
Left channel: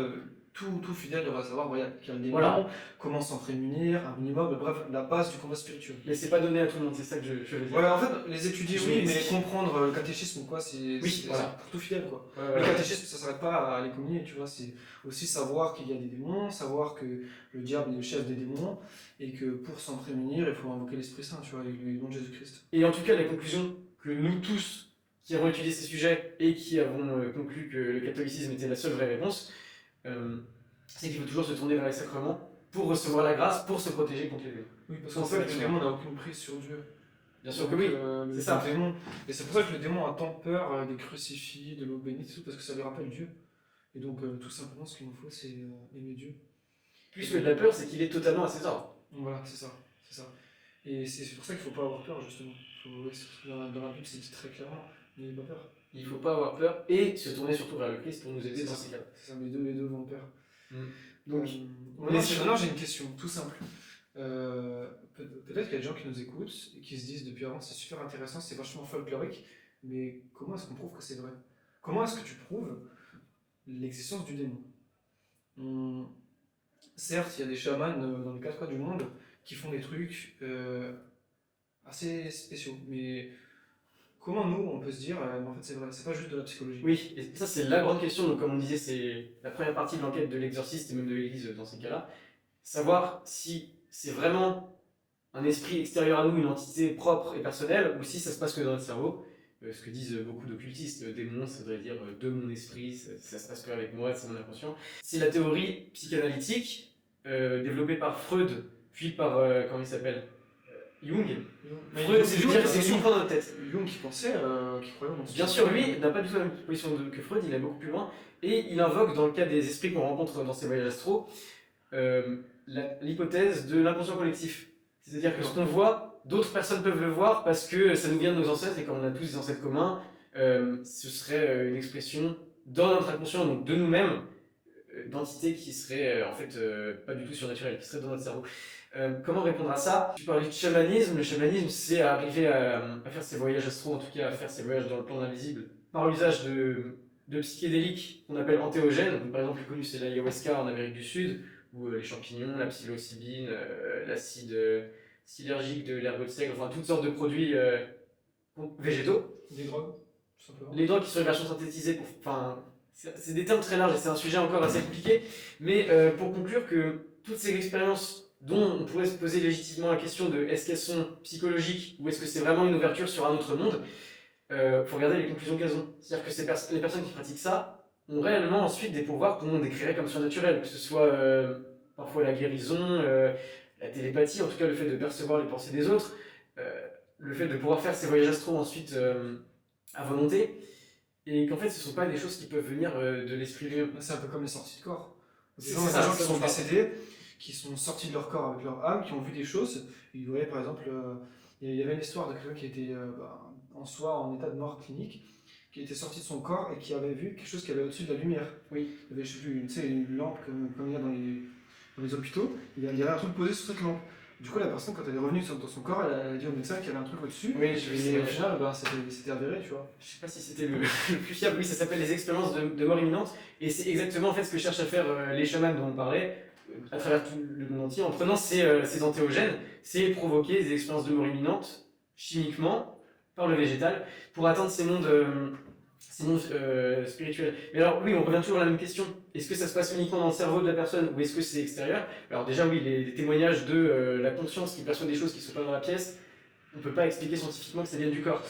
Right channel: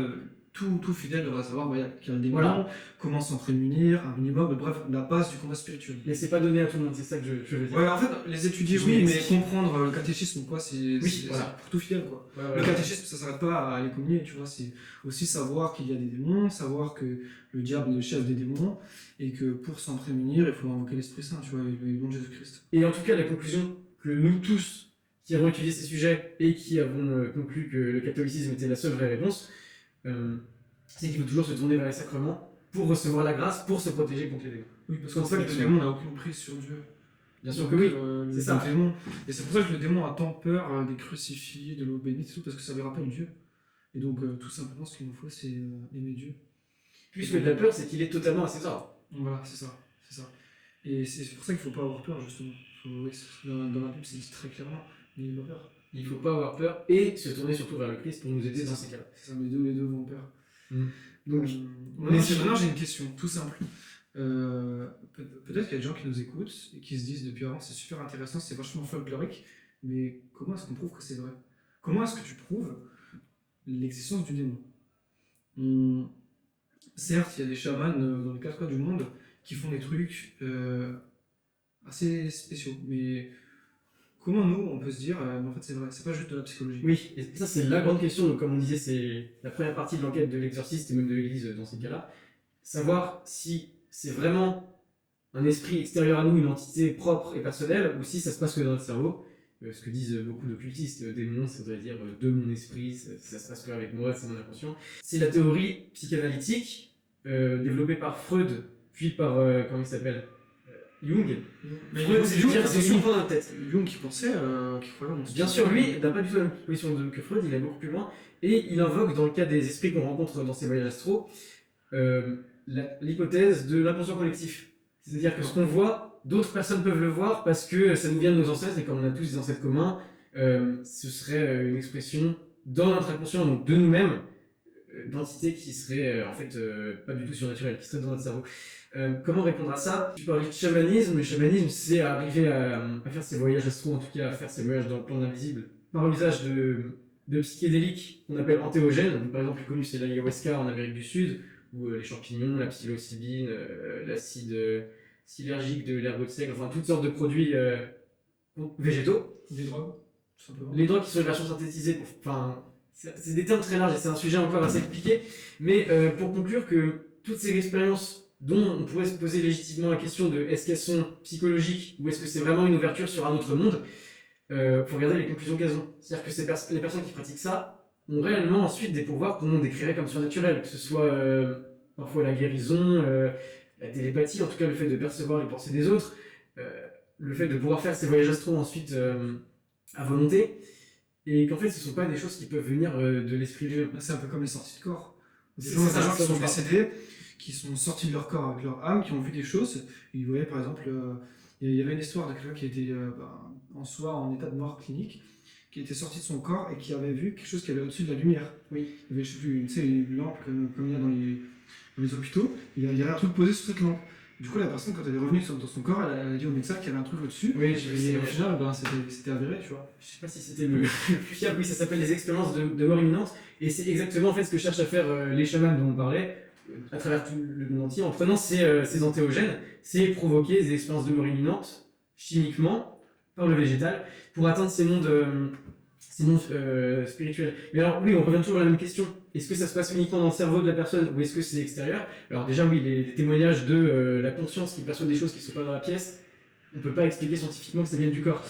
tout fidèle devrait savoir qu'il y a le démon, Voilà. comment s'en prémunir, un minimum, bref, la base du combat spirituel. Mais c'est pas donné à tout le monde, c'est ça que je veux dire. Ouais, en fait, les étudier, Je oui, mais m'explique. comprendre le catéchisme ou quoi, c'est voilà. pour tout fidèle, quoi. Ouais, Le catéchisme, ça s'arrête pas à les communier, tu vois, c'est aussi savoir qu'il y a des démons, savoir que le diable est le chef des démons, et que pour s'en prémunir, il faut invoquer l'Esprit Saint, tu vois, et le nom de Jésus-Christ. Et en tout cas, la conclusion que nous tous qui avons étudié ces sujets et qui avons conclu que le catholicisme était la seule vraie réponse, c'est qu'il faut toujours se tourner vers les sacrements pour recevoir la grâce, pour se protéger contre les démons. Oui, parce qu'en fait, le démon n'a aucune prise sur Dieu. Bien sûr Donc, que oui, le c'est ça. démon, et c'est pour ça que le démon a tant peur des crucifix, de l'eau bénite et tout, parce que ça lui rappelle Dieu. Et donc, tout simplement, ce qu'il nous faut, c'est aimer Dieu. Puisque de la peur, c'est qu'il est totalement à ses ordres. Donc voilà, c'est ça. Et c'est pour ça qu'il ne faut pas avoir peur, justement. Dans la Bible, c'est dit très clairement, n'ayez pas peur. Il ne faut pas avoir peur et se tourner surtout vers le Christ pour nous aider C'est dans ça. ces cas-là. C'est ça, mais les deux vont de pair. Donc, Maintenant, j'ai une question, tout simple. Peut-être qu'il y a des gens qui nous écoutent et qui se disent depuis avant c'est super intéressant, c'est vachement folklorique, mais comment est-ce qu'on prouve que c'est vrai? Comment est-ce que tu prouves l'existence du démon? Certes, il y a des chamans dans les quatre coins du monde qui font des trucs assez spéciaux, mais comment nous on peut se dire mais en fait c'est vrai, c'est pas juste de la psychologie? oui, et ça c'est la grande question. Donc, comme on disait, c'est la première partie de l'enquête de l'exorciste et même de l'Église dans ces cas-là. Savoir si c'est vraiment un esprit extérieur à nous, une entité propre et personnelle, ou si ça se passe que dans notre cerveau. Ce que disent beaucoup d'occultistes, démon, ça voudrait dire de mon esprit, ça se passe que avec moi, c'est mon inconscient. C'est la théorie psychanalytique développée par Freud, puis par, comment il s'appelle, Jung. Freud, c'est de dire que c'est uniquement dans notre tête. Jung qui pensait, qui croyait dans ce Bien sûr, lui n'a pas du tout la même position que Freud, il est beaucoup plus loin, et il invoque, dans le cas des esprits qu'on rencontre dans ses voyages astro, l'hypothèse de l'inconscient collectif. C'est-à-dire que ce qu'on voit, d'autres personnes peuvent le voir parce que ça nous vient de nos ancêtres, et comme on a tous des ancêtres communs, ce serait une expression dans notre inconscient, donc de nous-mêmes, d'entités qui seraient en fait pas du tout surnaturelles, qui seraient dans notre cerveau. Comment répondre à ça? Tu parlais de chamanisme. Le chamanisme, c'est arriver à faire ses voyages astro, en tout cas à faire ses voyages dans le plan invisible, par l'usage de psychédéliques qu'on appelle antéogènes. Donc, par exemple, le plus connu, c'est l'ayahuasca en Amérique du Sud, ou les champignons, la psilocybine, l'acide synergique de l'ergot de seigle, enfin toutes sortes de produits végétaux. Des drogues, tout simplement. Les drogues qui sont une version synthétisée, enfin, c'est des termes très larges et c'est un sujet encore assez compliqué, mais pour conclure que toutes ces expériences dont on pourrait se poser légitimement la question de est-ce qu'elles sont psychologiques ou est-ce que c'est vraiment une ouverture sur un autre monde, faut regarder les conclusions qu'elles ont. C'est-à-dire que les personnes qui pratiquent ça ont réellement ensuite des pouvoirs qu'on décrirait comme surnaturels, que ce soit parfois la guérison, la télépathie, en tout cas le fait de percevoir les pensées des autres, le fait de pouvoir faire ces voyages astro ensuite à volonté, et qu'en fait ce ne sont pas des choses qui peuvent venir de l'esprit lui-même. C'est un peu comme les sorties de corps. Des C'est gens ça, qui sont ça. décédés, qui sont sortis de leur corps avec leur âme, qui ont vu des choses. Ils voyaient par exemple, il y avait une histoire de quelqu'un qui était en soi en état de mort clinique, qui était sorti de son corps et qui avait vu quelque chose qui avait au-dessus de la lumière. Oui. Il y avait, je sais plus, tu sais, une lampe comme il y a dans les hôpitaux, il y avait un truc posé sur cette lampe. Du coup, la personne, quand elle est revenue dans son corps, elle a dit au médecin qu'il y avait un truc au-dessus. Oui, et au final, c'était avéré, tu vois. Je sais pas si c'était le plus fiable. Oui, ça s'appelle les expériences de mort imminente. Et c'est exactement en fait ce que cherchent à faire les chamans dont on parlait, à travers tout le monde entier, en prenant ces antéogènes, c'est provoquer des expériences de mort imminente, chimiquement, par le végétal, pour atteindre ces mondes spirituels. Mais alors, oui, on revient toujours à la même question. Est-ce que ça se passe uniquement dans le cerveau de la personne ou est-ce que c'est extérieur? Alors déjà, oui, les témoignages de la conscience qui perçoit des choses qui ne sont pas dans la pièce, on ne peut pas expliquer scientifiquement que ça vient du corps.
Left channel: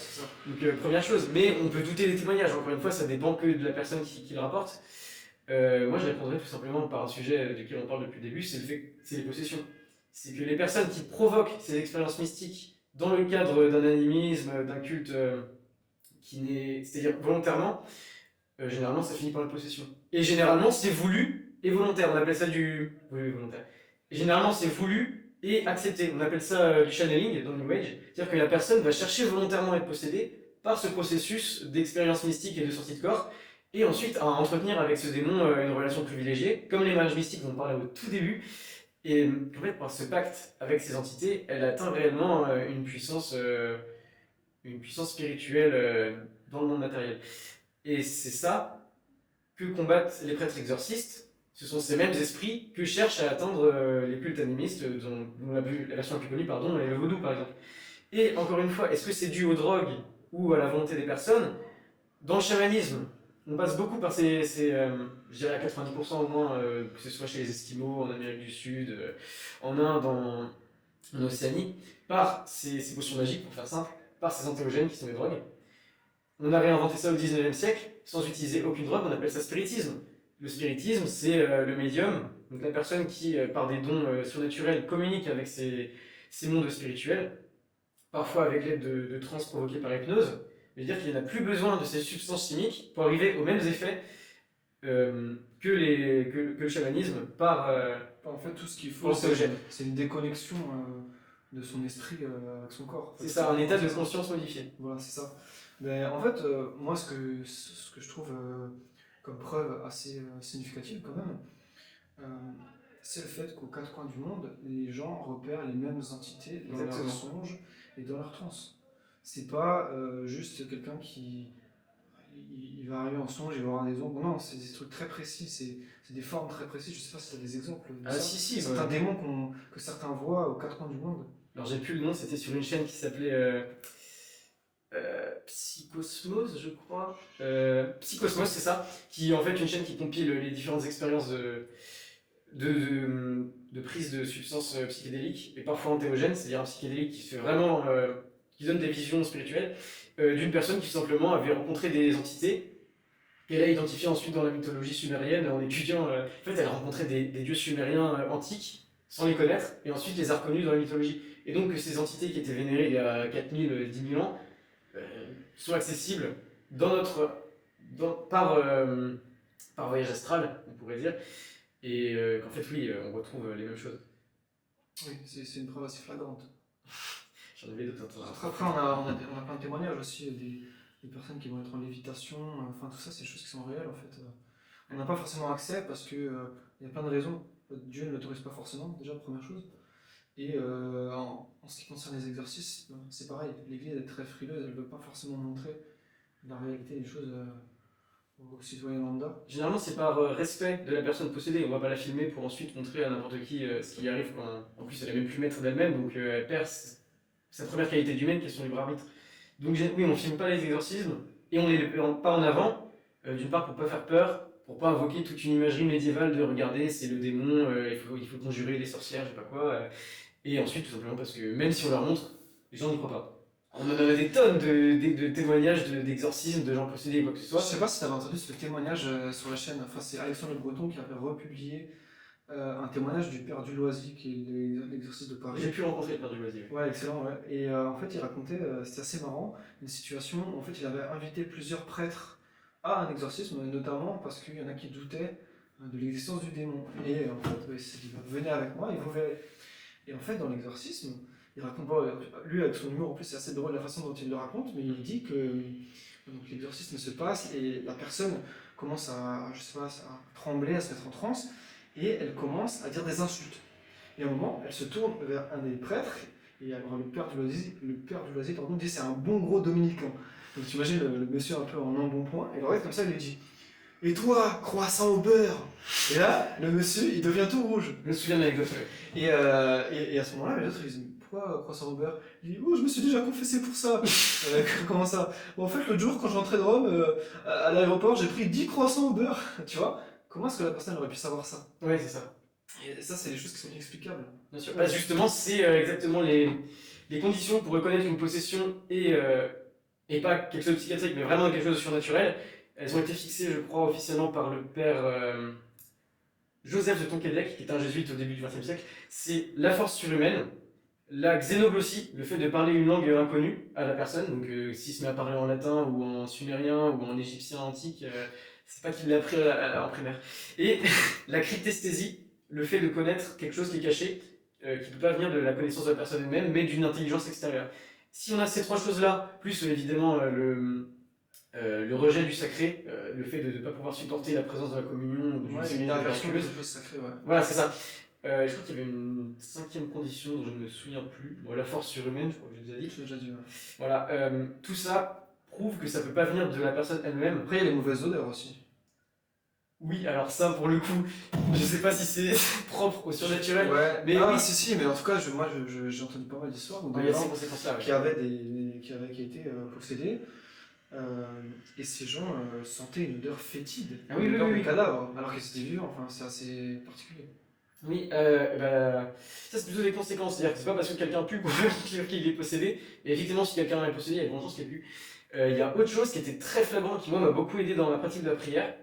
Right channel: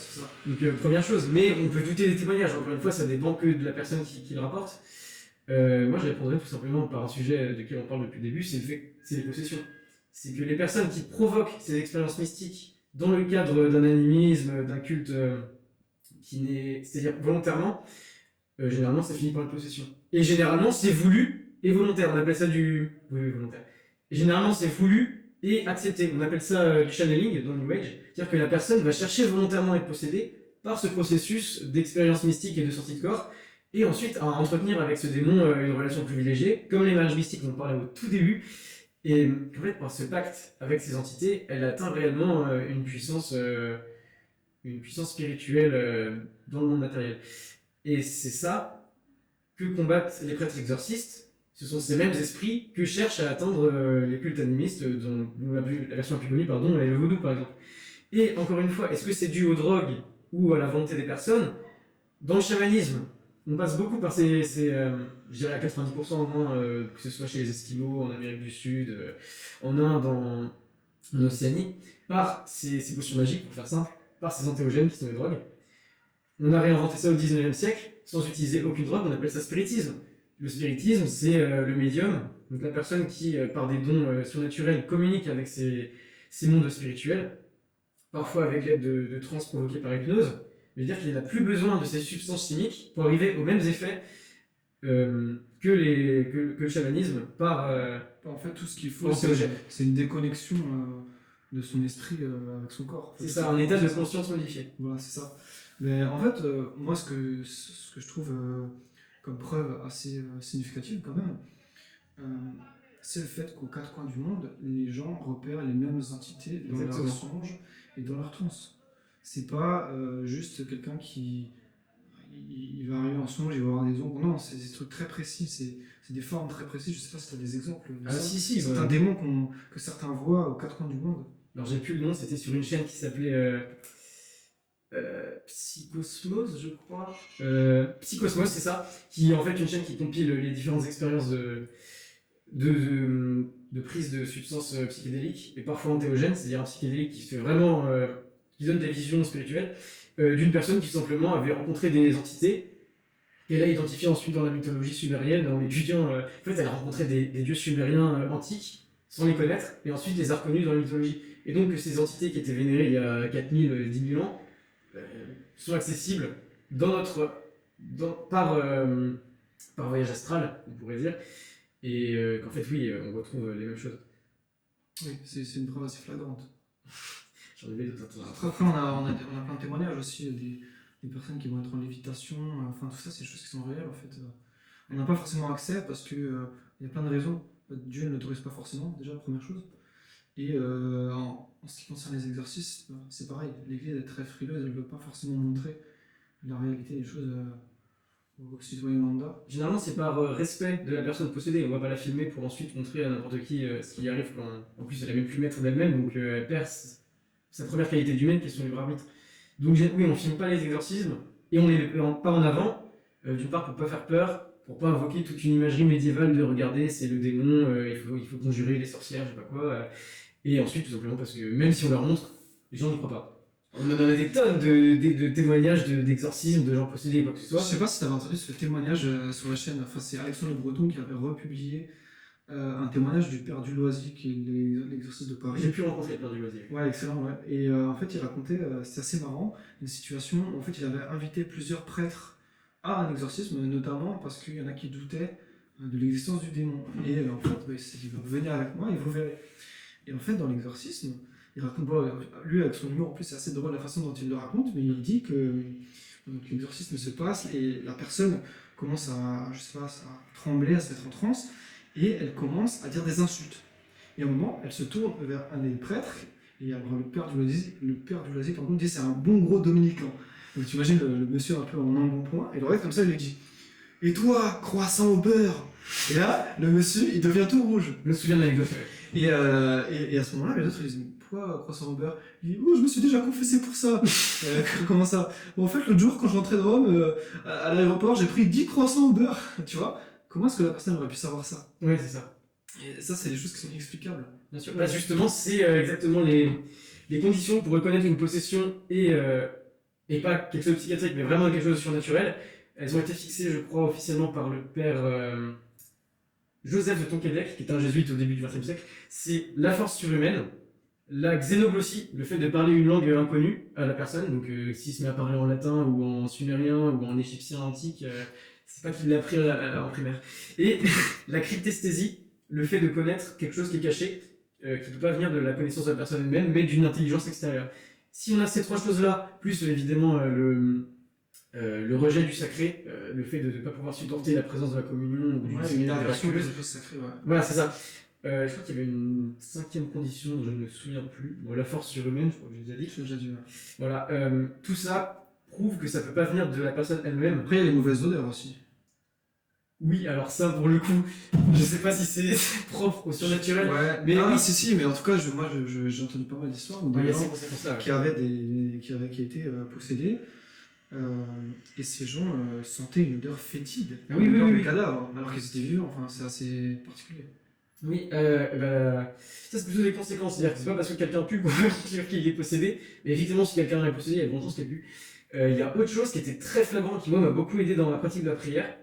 Donc première chose, mais on peut douter des témoignages. Encore une fois, ça dépend que de la personne qui le rapporte. Moi, je répondrais tout simplement par un sujet duquel on parle depuis le début, c'est le fait, c'est les possessions. C'est que les personnes qui provoquent ces expériences mystiques dans le cadre d'un animisme, d'un culte c'est-à-dire volontairement, généralement ça finit par une possession. Et généralement c'est voulu et volontaire, on appelle ça du... Oui, volontaire. Et généralement c'est voulu et accepté, on appelle ça du channeling dans le New Age, c'est-à-dire que la personne va chercher volontairement à être possédée par ce processus d'expérience mystique et de sortie de corps, et ensuite à entretenir avec ce démon une relation privilégiée, comme les mages mystiques dont on parlait au tout début. Et en fait, par ce pacte avec ces entités, elle atteint réellement une puissance spirituelle dans le monde matériel. Et c'est ça que combattent les prêtres exorcistes. Ce sont ces mêmes esprits que cherchent à atteindre les cultes animistes, dont la version la plus connue, pardon, est le vaudou par exemple. Et encore une fois, est-ce que c'est dû aux drogues ou à la volonté des personnes? Dans le chamanisme, on passe beaucoup par je dirais à 90% au moins, que ce soit chez les Esquimaux, en Amérique du Sud, en Inde, en Océanie, par ces potions magiques, pour faire simple, par ces antéogènes qui sont les drogues. On a réinventé ça au 19e siècle, sans utiliser aucune drogue, on appelle ça spiritisme. Le spiritisme, c'est le médium, donc la personne qui, par des dons surnaturels, communique avec ces mondes spirituels, parfois avec l'aide de trans provoquées par hypnose. C'est-à-dire qu'il n'a plus besoin de ces substances chimiques pour arriver aux mêmes effets que le chamanisme par En fait, tout ce qu'il faut, antéogène. c'est une déconnexion de son esprit avec son corps. C'est ça, un état de conscience modifié. Voilà, c'est ça. Mais en fait, moi, ce que je trouve comme preuve assez significative quand même, c'est le fait qu'aux quatre coins du monde, les gens repèrent les mêmes entités dans leurs songes et dans leurs transes. C'est pas juste quelqu'un qui il va arriver en songe, il va avoir des ombres. Non, c'est des trucs très précis, c'est des formes très précises. Je sais pas si tu as des exemples de ça. Si, certains démons que certains voient aux quatre coins du monde. Alors j'ai plus le nom, c'était sur une chaîne qui s'appelait Psychosmos, je crois. Psychosmos, c'est ça, qui est en fait une chaîne qui compile les différentes expériences de prise de substances psychédéliques et parfois antéogènes, c'est-à-dire un psychédélique qui se fait vraiment, qui donne des visions spirituelles, d'une personne qui simplement avait rencontré des entités qu'elle a identifiées ensuite dans la mythologie sumérienne en étudiant. En fait, elle a rencontré des dieux sumériens antiques sans les connaître et ensuite les a reconnus dans la mythologie. Et donc ces entités qui étaient vénérées il y a 4000, 10 000 ans sont accessibles par voyage astral, on pourrait dire. Et qu'en fait, oui, on retrouve les mêmes choses. Oui, c'est une preuve assez flagrante. J'en avais d'autres. Après, on a plein de témoignages aussi, des personnes qui vont être en lévitation, enfin tout ça, c'est des choses qui sont réelles en fait. On n'a pas forcément accès parce qu'il y a plein de raisons. Dieu ne l'autorise pas forcément, déjà, première chose. Et en ce qui concerne les exorcismes, c'est pareil. L'Église est très frileuse, elle ne veut pas forcément montrer la réalité des choses aux citoyens lambda. Généralement, c'est par respect de la personne possédée. On ne va pas la filmer pour ensuite montrer à n'importe qui ce qui arrive quand. En plus, elle n'est même plus maître d'elle-même, donc elle perd sa première qualité d'humaine qui est son libre arbitre. Donc, oui, on ne filme pas les exorcismes et on ne les met pas en avant, d'une part pour ne pas faire peur, pour ne pas invoquer toute une imagerie médiévale de regarder, c'est le démon, il faut conjurer les sorcières, je sais pas quoi. Et ensuite, tout simplement parce que même si on leur montre, les gens n'y croient pas. On en a des tonnes de témoignages d'exorcismes, de gens possédés, quoi que ce soit. Je sais pas si tu avais entendu ce témoignage sur la chaîne, enfin c'est Alexandre Le Breton qui avait republié un témoignage du père Duloisier qui est l'exorciste de Paris. J'ai pu rencontrer le père Duloisier. Ouais, excellent, ouais. Et en fait il racontait, c'était assez marrant, une situation, en fait il avait invité plusieurs prêtres à un exorcisme, notamment parce qu'il y en a qui doutaient de l'existence du démon. Et en fait, il dit, venez avec moi et vous verrez. Et en fait dans l'exorcisme, il raconte pas, lui avec son humour en plus c'est assez drôle la façon dont il le raconte, mais il dit que l'exorcisme se passe et la personne commence à trembler, à se mettre en transe et elle commence à dire des insultes. Et à un moment, elle se tourne vers un des prêtres et alors le père Duloisier par contre dit c'est un bon gros dominicain. Donc tu imagines le monsieur un peu en embonpoint et le regarde comme ça il lui dit et toi, croissant au beurre. Et là, le monsieur, il devient tout rouge. Je me souviens de l'anecdote. Et à ce moment-là, les autres, ils disent pourquoi croissant au beurre? Il dit oh, je me suis déjà confessé pour ça. Comment ça? Bon, en fait, l'autre jour, quand je rentrais de Rome, à l'aéroport, j'ai pris 10 croissants au beurre. Tu vois? Comment est-ce que la personne aurait pu savoir ça? Ouais, c'est ça. Et ça, c'est des choses qui sont inexplicables. Bien sûr. Bah, justement, c'est exactement les conditions pour reconnaître une possession et pas quelque chose de psychiatrique, mais vraiment quelque chose de surnaturel. Elles ont été fixées, je crois, officiellement par le père Joseph de Tonquédec, qui est un jésuite au début du XXe siècle. C'est la force surhumaine, la xénoglossie, le fait de parler une langue inconnue à la personne. Donc, s'il se met à parler en latin ou en sumérien ou en égyptien antique, c'est pas qu'il l'a appris en primaire. Et la cryptesthésie, le fait de connaître quelque chose qui est caché, qui ne peut pas venir de la connaissance de la personne elle-même, mais d'une intelligence extérieure. Si on a ces trois choses-là, plus évidemment le rejet du sacré, le fait de ne pas pouvoir supporter la présence de la communion ou du séminaire miraculeux. Voilà, c'est ça. Je crois qu'il y avait une cinquième condition dont je ne me souviens plus. Bon, la force surhumaine, je crois que j'ai déjà dit. Voilà, tout ça prouve que ça ne peut pas venir de la personne elle-même. Après, il y a les mauvaises odeurs aussi. Oui, alors ça, pour le coup, je sais pas si c'est propre au surnaturel. Ouais, mais oui, oui. si, mais en tout cas, j'ai entendu pas mal d'histoires où Il y des a ces gens conséquences-là. qui avaient été possédés, et ces gens sentaient une odeur fétide, une odeur de cadavre, alors qu'ils étaient vivants. Enfin, c'est assez particulier. Oui, ça c'est plutôt des conséquences, c'est-à-dire que c'est pas parce que quelqu'un pue qu'il est possédé, mais effectivement si quelqu'un est possédé, il y a de grandes chances qu'il pue. Il y a autre chose qui était très flagrant, qui moi m'a beaucoup aidé dans la pratique de la prière,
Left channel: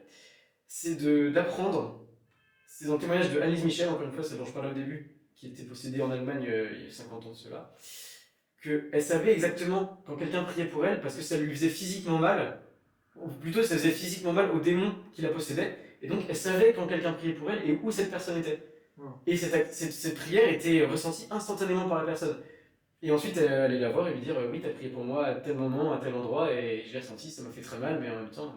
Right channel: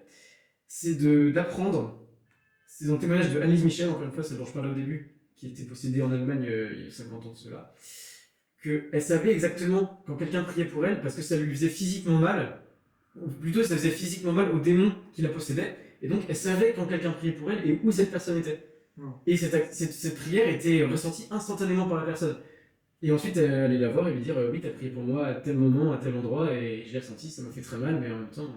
c'est d'apprendre, c'est dans le témoignage de Annelise Michel, encore une fois, celle dont je parlais au début, qui était possédée en Allemagne il y a 50 ans de cela, qu'elle savait exactement quand quelqu'un priait pour elle, parce que ça lui faisait physiquement mal, ou plutôt ça faisait physiquement mal au démon qui la possédait, et donc elle savait quand quelqu'un priait pour elle et où cette personne était. Et cette prière était ressentie instantanément par la personne. Et ensuite, elle allait la voir et lui dire oui, t'as prié pour moi à tel moment, à tel endroit, et je l'ai ressenti, ça m'a fait très mal, mais en même temps,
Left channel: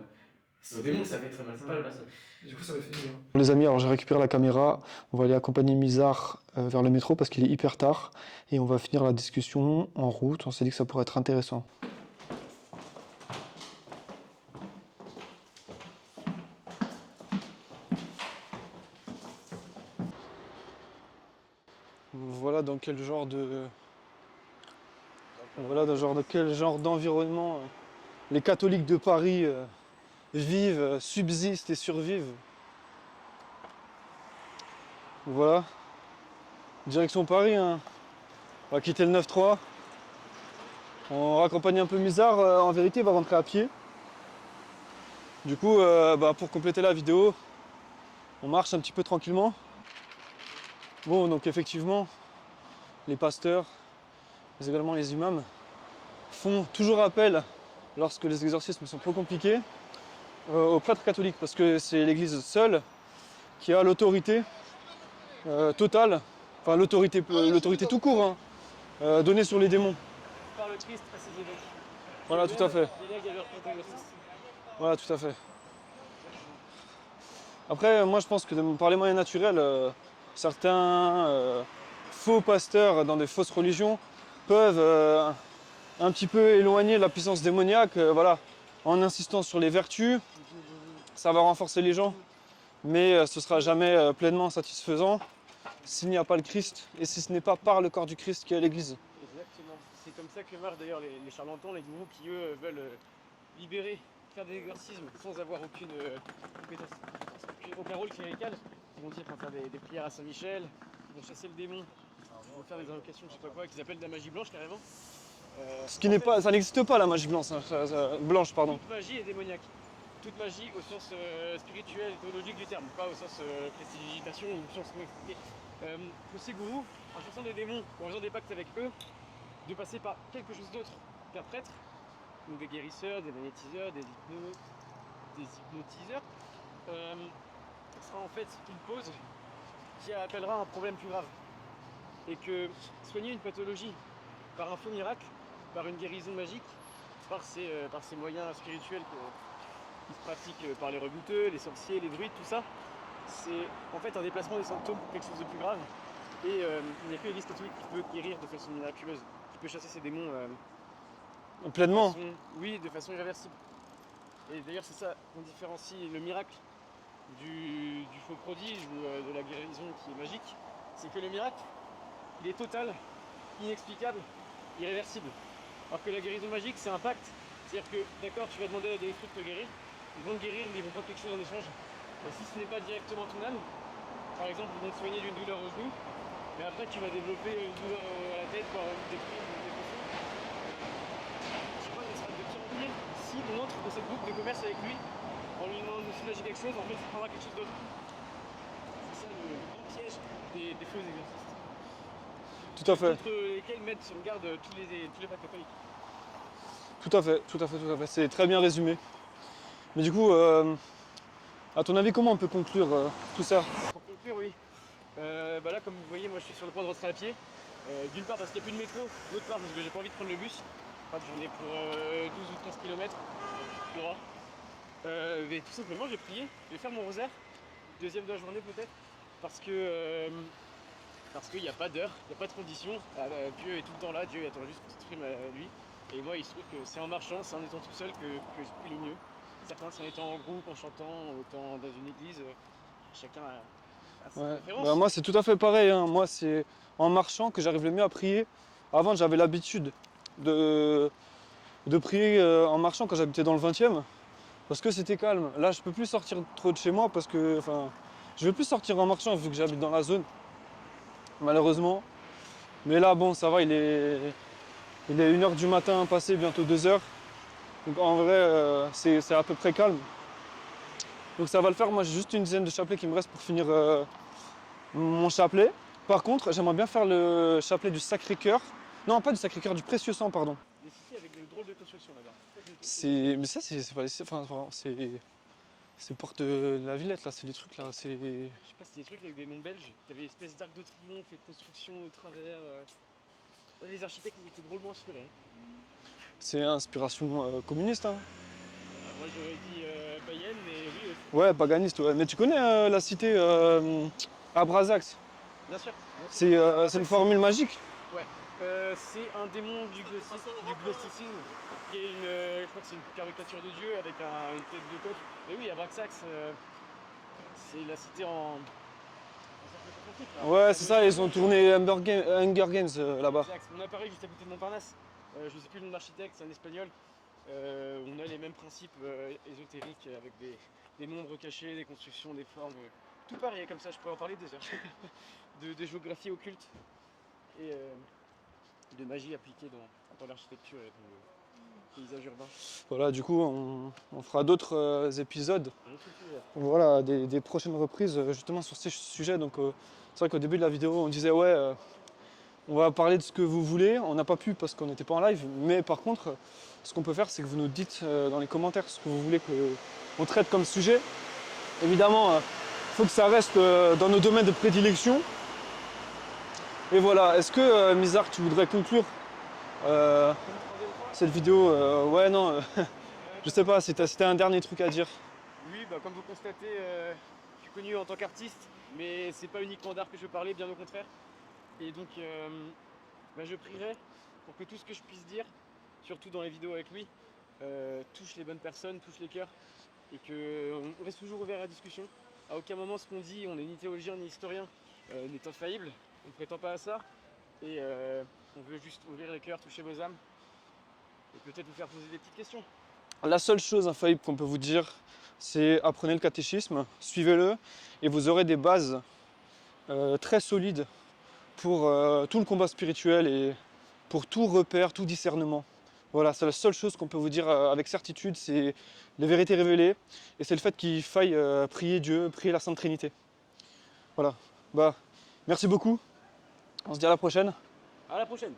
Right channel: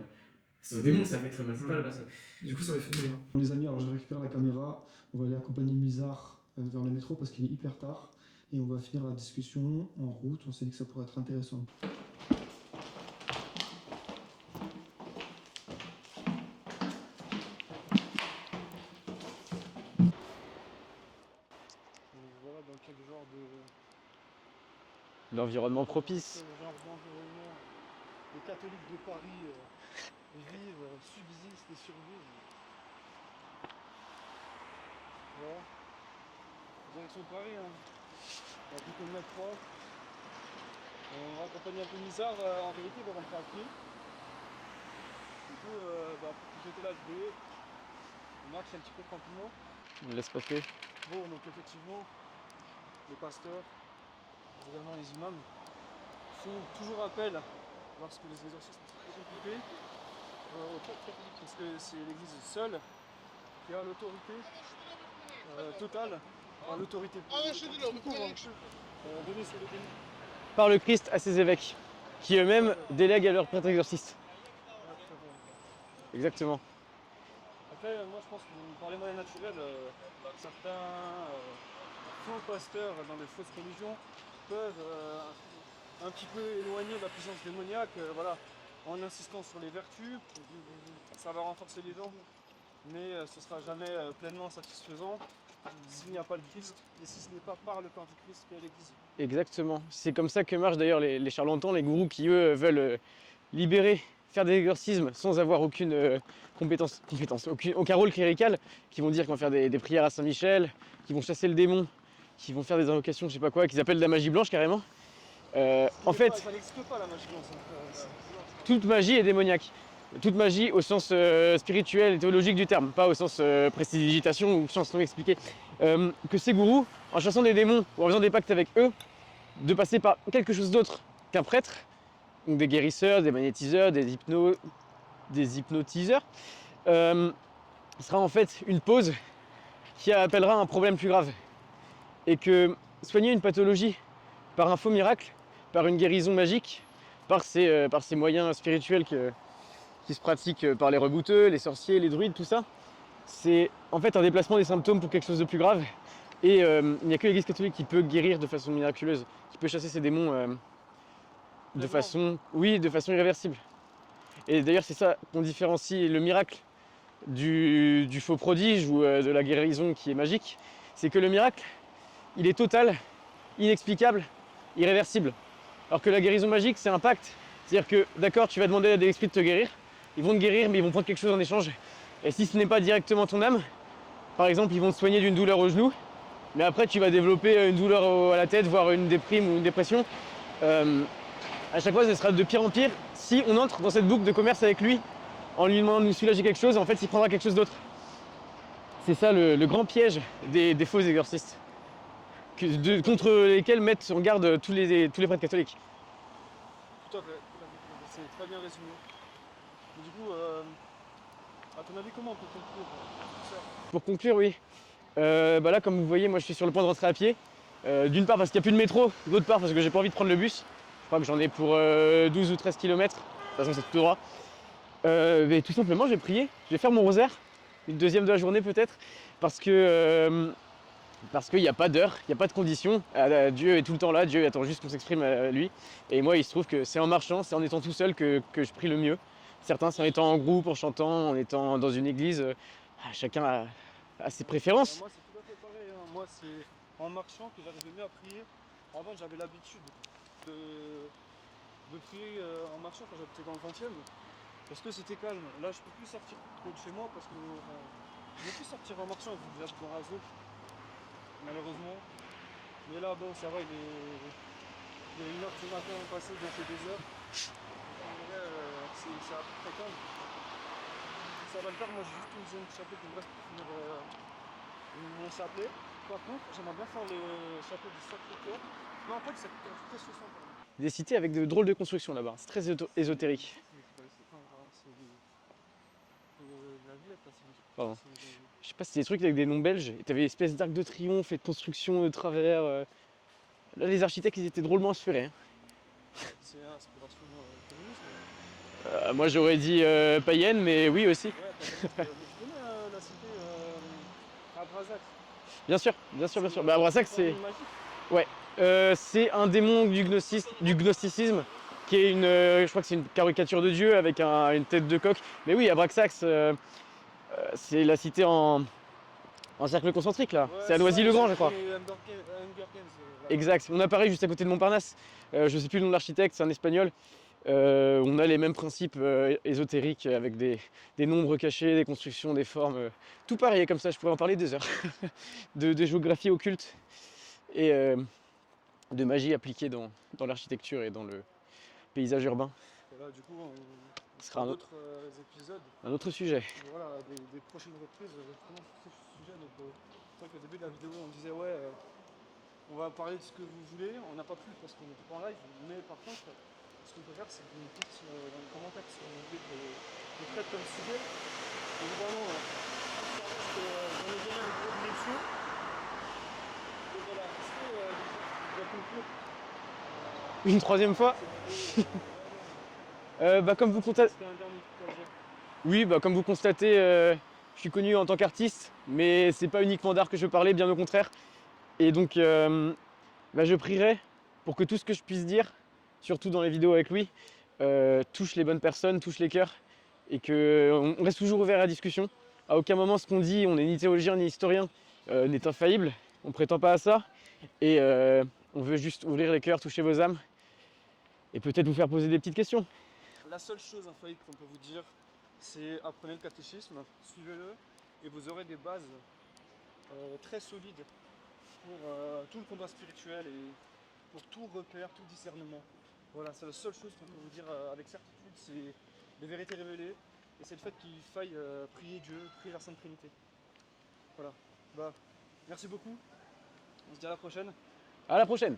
c'est au démon que ça fait très mal, c'est pas la personne. Du coup, ça m'a fait du bien. Les amis, alors j'ai récupéré la caméra, on va aller accompagner Mizar vers le métro parce qu'il est hyper tard, et on va finir la discussion en route. On s'est dit que ça pourrait être intéressant. Voilà dans quel genre d'environnement les catholiques de Paris vivent, subsistent et survivent. Voilà. Direction Paris, hein. On va quitter le 9-3. On raccompagne un peu Mizar, en vérité il va rentrer à pied. Du coup, pour compléter la vidéo, on marche un petit peu tranquillement. On laisse passer. Bon, donc effectivement, les pasteurs, mais également les imams, font toujours appel, lorsque les exorcismes sont trop compliqués, aux prêtres catholiques, parce que c'est l'église seule qui a l'autorité totale, enfin l'autorité tout court, hein, donnée sur les démons. Par le Christ à ses évêques, qui Voilà, eux-mêmes délèguent à leurs prêtres exorcistes. Voilà, tout à fait. Exactement. Après, moi je pense que par les moyens naturels, certains faux pasteurs dans des fausses religions peuvent un petit peu éloigner la puissance démoniaque, voilà, en insistant sur les vertus. Ça va renforcer les gens, mais ce ne sera jamais pleinement satisfaisant s'il n'y a pas le Christ et si ce n'est pas par le corps du Christ qui est l'Église. Exactement. C'est comme ça que marchent d'ailleurs les charlatans, les gourous qui eux veulent libérer, faire des exorcismes sans avoir aucune compétence, aucun rôle clérical, qui vont dire qu'ils vont faire des prières à Saint-Michel, qui vont chasser le démon, qui vont faire des invocations, je sais pas quoi, qu'ils appellent de la magie blanche carrément. Ça n'existe pas la magie blanche, blanche pardon. Toute magie est démoniaque. Toute magie au sens spirituel et théologique du terme, pas au sens prestidigitation ou sens non expliqué. Que ces gourous, en chassant des démons ou en faisant des pactes avec eux, de passer par quelque chose d'autre qu'un prêtre, donc des guérisseurs, des magnétiseurs, des hypnotiseurs, sera en fait une pause qui appellera un problème plus grave. Et que soigner une pathologie par un faux miracle, par une guérison magique, par ces moyens spirituels qui se pratiquent par les rebouteux, les sorciers, les druides, tout ça, c'est en fait un déplacement des symptômes pour quelque chose de plus grave. Et il n'y a que l'Église catholique qui peut guérir de façon miraculeuse, qui peut chasser ces démons pleinement. de façon irréversible. Et d'ailleurs c'est ça qu'on différencie le miracle du faux prodige ou de la guérison qui est magique, c'est que le miracle, il est total, inexplicable, irréversible. Alors que la guérison magique, c'est un pacte. C'est-à-dire que, d'accord, tu vas demander à des esprits de te guérir, ils vont te guérir, mais ils vont prendre quelque chose en échange. Et si ce n'est pas directement ton âme, par exemple, ils vont te soigner d'une douleur au genou, mais après tu vas développer une douleur à la tête, voire une déprime ou une dépression. À chaque fois, ce sera de pire en pire si on entre dans cette boucle de commerce avec lui en lui demandant de nous soulager quelque chose, en fait, il prendra quelque chose d'autre. C'est ça le grand piège des faux exorcistes, contre lesquels mettent en garde tous les prêtres catholiques. Tout à fait, tout à fait, tout à fait. C'est très bien résumé. Mais du coup, à ton avis, comment on peut conclure tout ça? Pour conclure, oui. Là, comme vous voyez, moi je suis sur le point de rentrer à pied. D'une part parce qu'il n'y a plus de métro, d'autre part parce que j'ai pas envie de prendre le bus. Je crois que j'en ai pour 12 ou 13 km. De toute façon, c'est tout droit. Mais tout simplement, je vais prier. Je vais faire mon rosaire. Une deuxième de la journée peut-être. Parce qu'il n'y a pas d'heure, il n'y a pas de conditions. Dieu est tout le temps là, Dieu attend juste qu'on s'exprime à lui. Et moi, il se trouve que c'est en marchant, c'est en étant tout seul que je prie le mieux. Certains, c'est en étant en groupe, en chantant, en étant dans une église. Chacun a ses préférences. Moi, c'est tout à fait pareil. Hein. Moi, c'est en marchant que j'arrive le mieux à prier. Avant, j'avais l'habitude de prier en marchant quand j'habitais dans le 20e. Parce que c'était calme. Là, je peux plus sortir trop de chez moi parce que, je vais plus sortir en marchant vu que j'habite dans la zone. Malheureusement. Mais là, bon, ça va, il est 1h du matin passé, bientôt 2h. Donc en vrai, c'est à peu près calme. Donc ça va le faire. Moi, j'ai juste une dizaine de chapelets qui me restent pour finir mon chapelet. Par contre, j'aimerais bien faire le chapelet du Sacré-Cœur. Non, pas du Sacré-Cœur, du Précieux Sang, pardon. Des cités avec de drôles de constructions là-bas. C'est très ésotérique. Mais ça, c'est pas c'est porte de la Villette, là, c'est des trucs là. Je sais pas, c'était des trucs avec des noms belges. Et t'avais une espèce d'arc de triomphe et de construction de travers. Là, les architectes, ils étaient drôlement inspirés. Hein. C'est inspiration communiste. Hein. Moi, j'aurais dit païenne, mais oui aussi. Ouais, paganiste, ouais. Mais tu connais la cité à Brazax? Bien sûr, bien sûr. C'est bien sûr. Bah, une Brazac, formule magique. c'est un démon du gnosticisme, qui est je crois que c'est une caricature de Dieu avec une tête de coq. Mais oui, Abraxax, c'est la cité en cercle concentrique là. Ouais, c'est à ça, ils Noisy-le-Grand, ont je crois. tourné Hunger Games là-bas. Exact. On apparaît juste à côté de Montparnasse. Je sais plus le nom de l'architecte, c'est un espagnol. On a les mêmes principes ésotériques avec des nombres cachés, des constructions, des formes. Tout pareil comme ça, je pourrais en parler des heures. de géographie occulte et de magie appliquée dans l'architecture et dans le paysage urbain. Voilà, du coup, on fera d'autres épisodes. Un autre sujet. Voilà, des prochaines reprises justement sur ces sujets. Donc, c'est vrai qu'au début de la vidéo, on disait ouais, on va parler de ce que vous voulez. On n'a pas pu parce qu'on n'était pas en live. Mais par contre, ce qu'on peut faire, c'est que vous nous dites dans les commentaires ce que vous voulez qu'on traite comme sujet. Évidemment, il faut que ça reste dans nos domaines de prédilection. Et voilà, est-ce que Mizar, tu voudrais conclure Une troisième fois. cette vidéo? Ouais, non, je sais pas, c'était un dernier truc à dire. Oui, comme vous constatez, je suis connu en tant qu'artiste, mais c'est pas uniquement d'art que je veux parler, bien au contraire. Et donc, je prierai pour que tout ce que je puisse dire, surtout dans les vidéos avec lui, touche les bonnes personnes, touche les cœurs, et qu'on reste toujours ouvert à la discussion. À aucun moment ce qu'on dit, on n'est ni théologien ni historien, n'est infaillible, on prétend pas à ça, et on veut juste ouvrir les cœurs, toucher vos âmes, et peut-être vous faire poser des petites questions. La seule chose infaillible qu'on peut vous dire, c'est apprenez le catéchisme, suivez-le, et vous aurez des bases très solides pour tout le combat spirituel et pour tout repère, tout discernement. Voilà, c'est la seule chose qu'on peut vous dire avec certitude, c'est les vérités révélées, et c'est le fait qu'il faille prier Dieu, prier la Sainte Trinité. Voilà, merci beaucoup, on se dit à la prochaine. À la prochaine.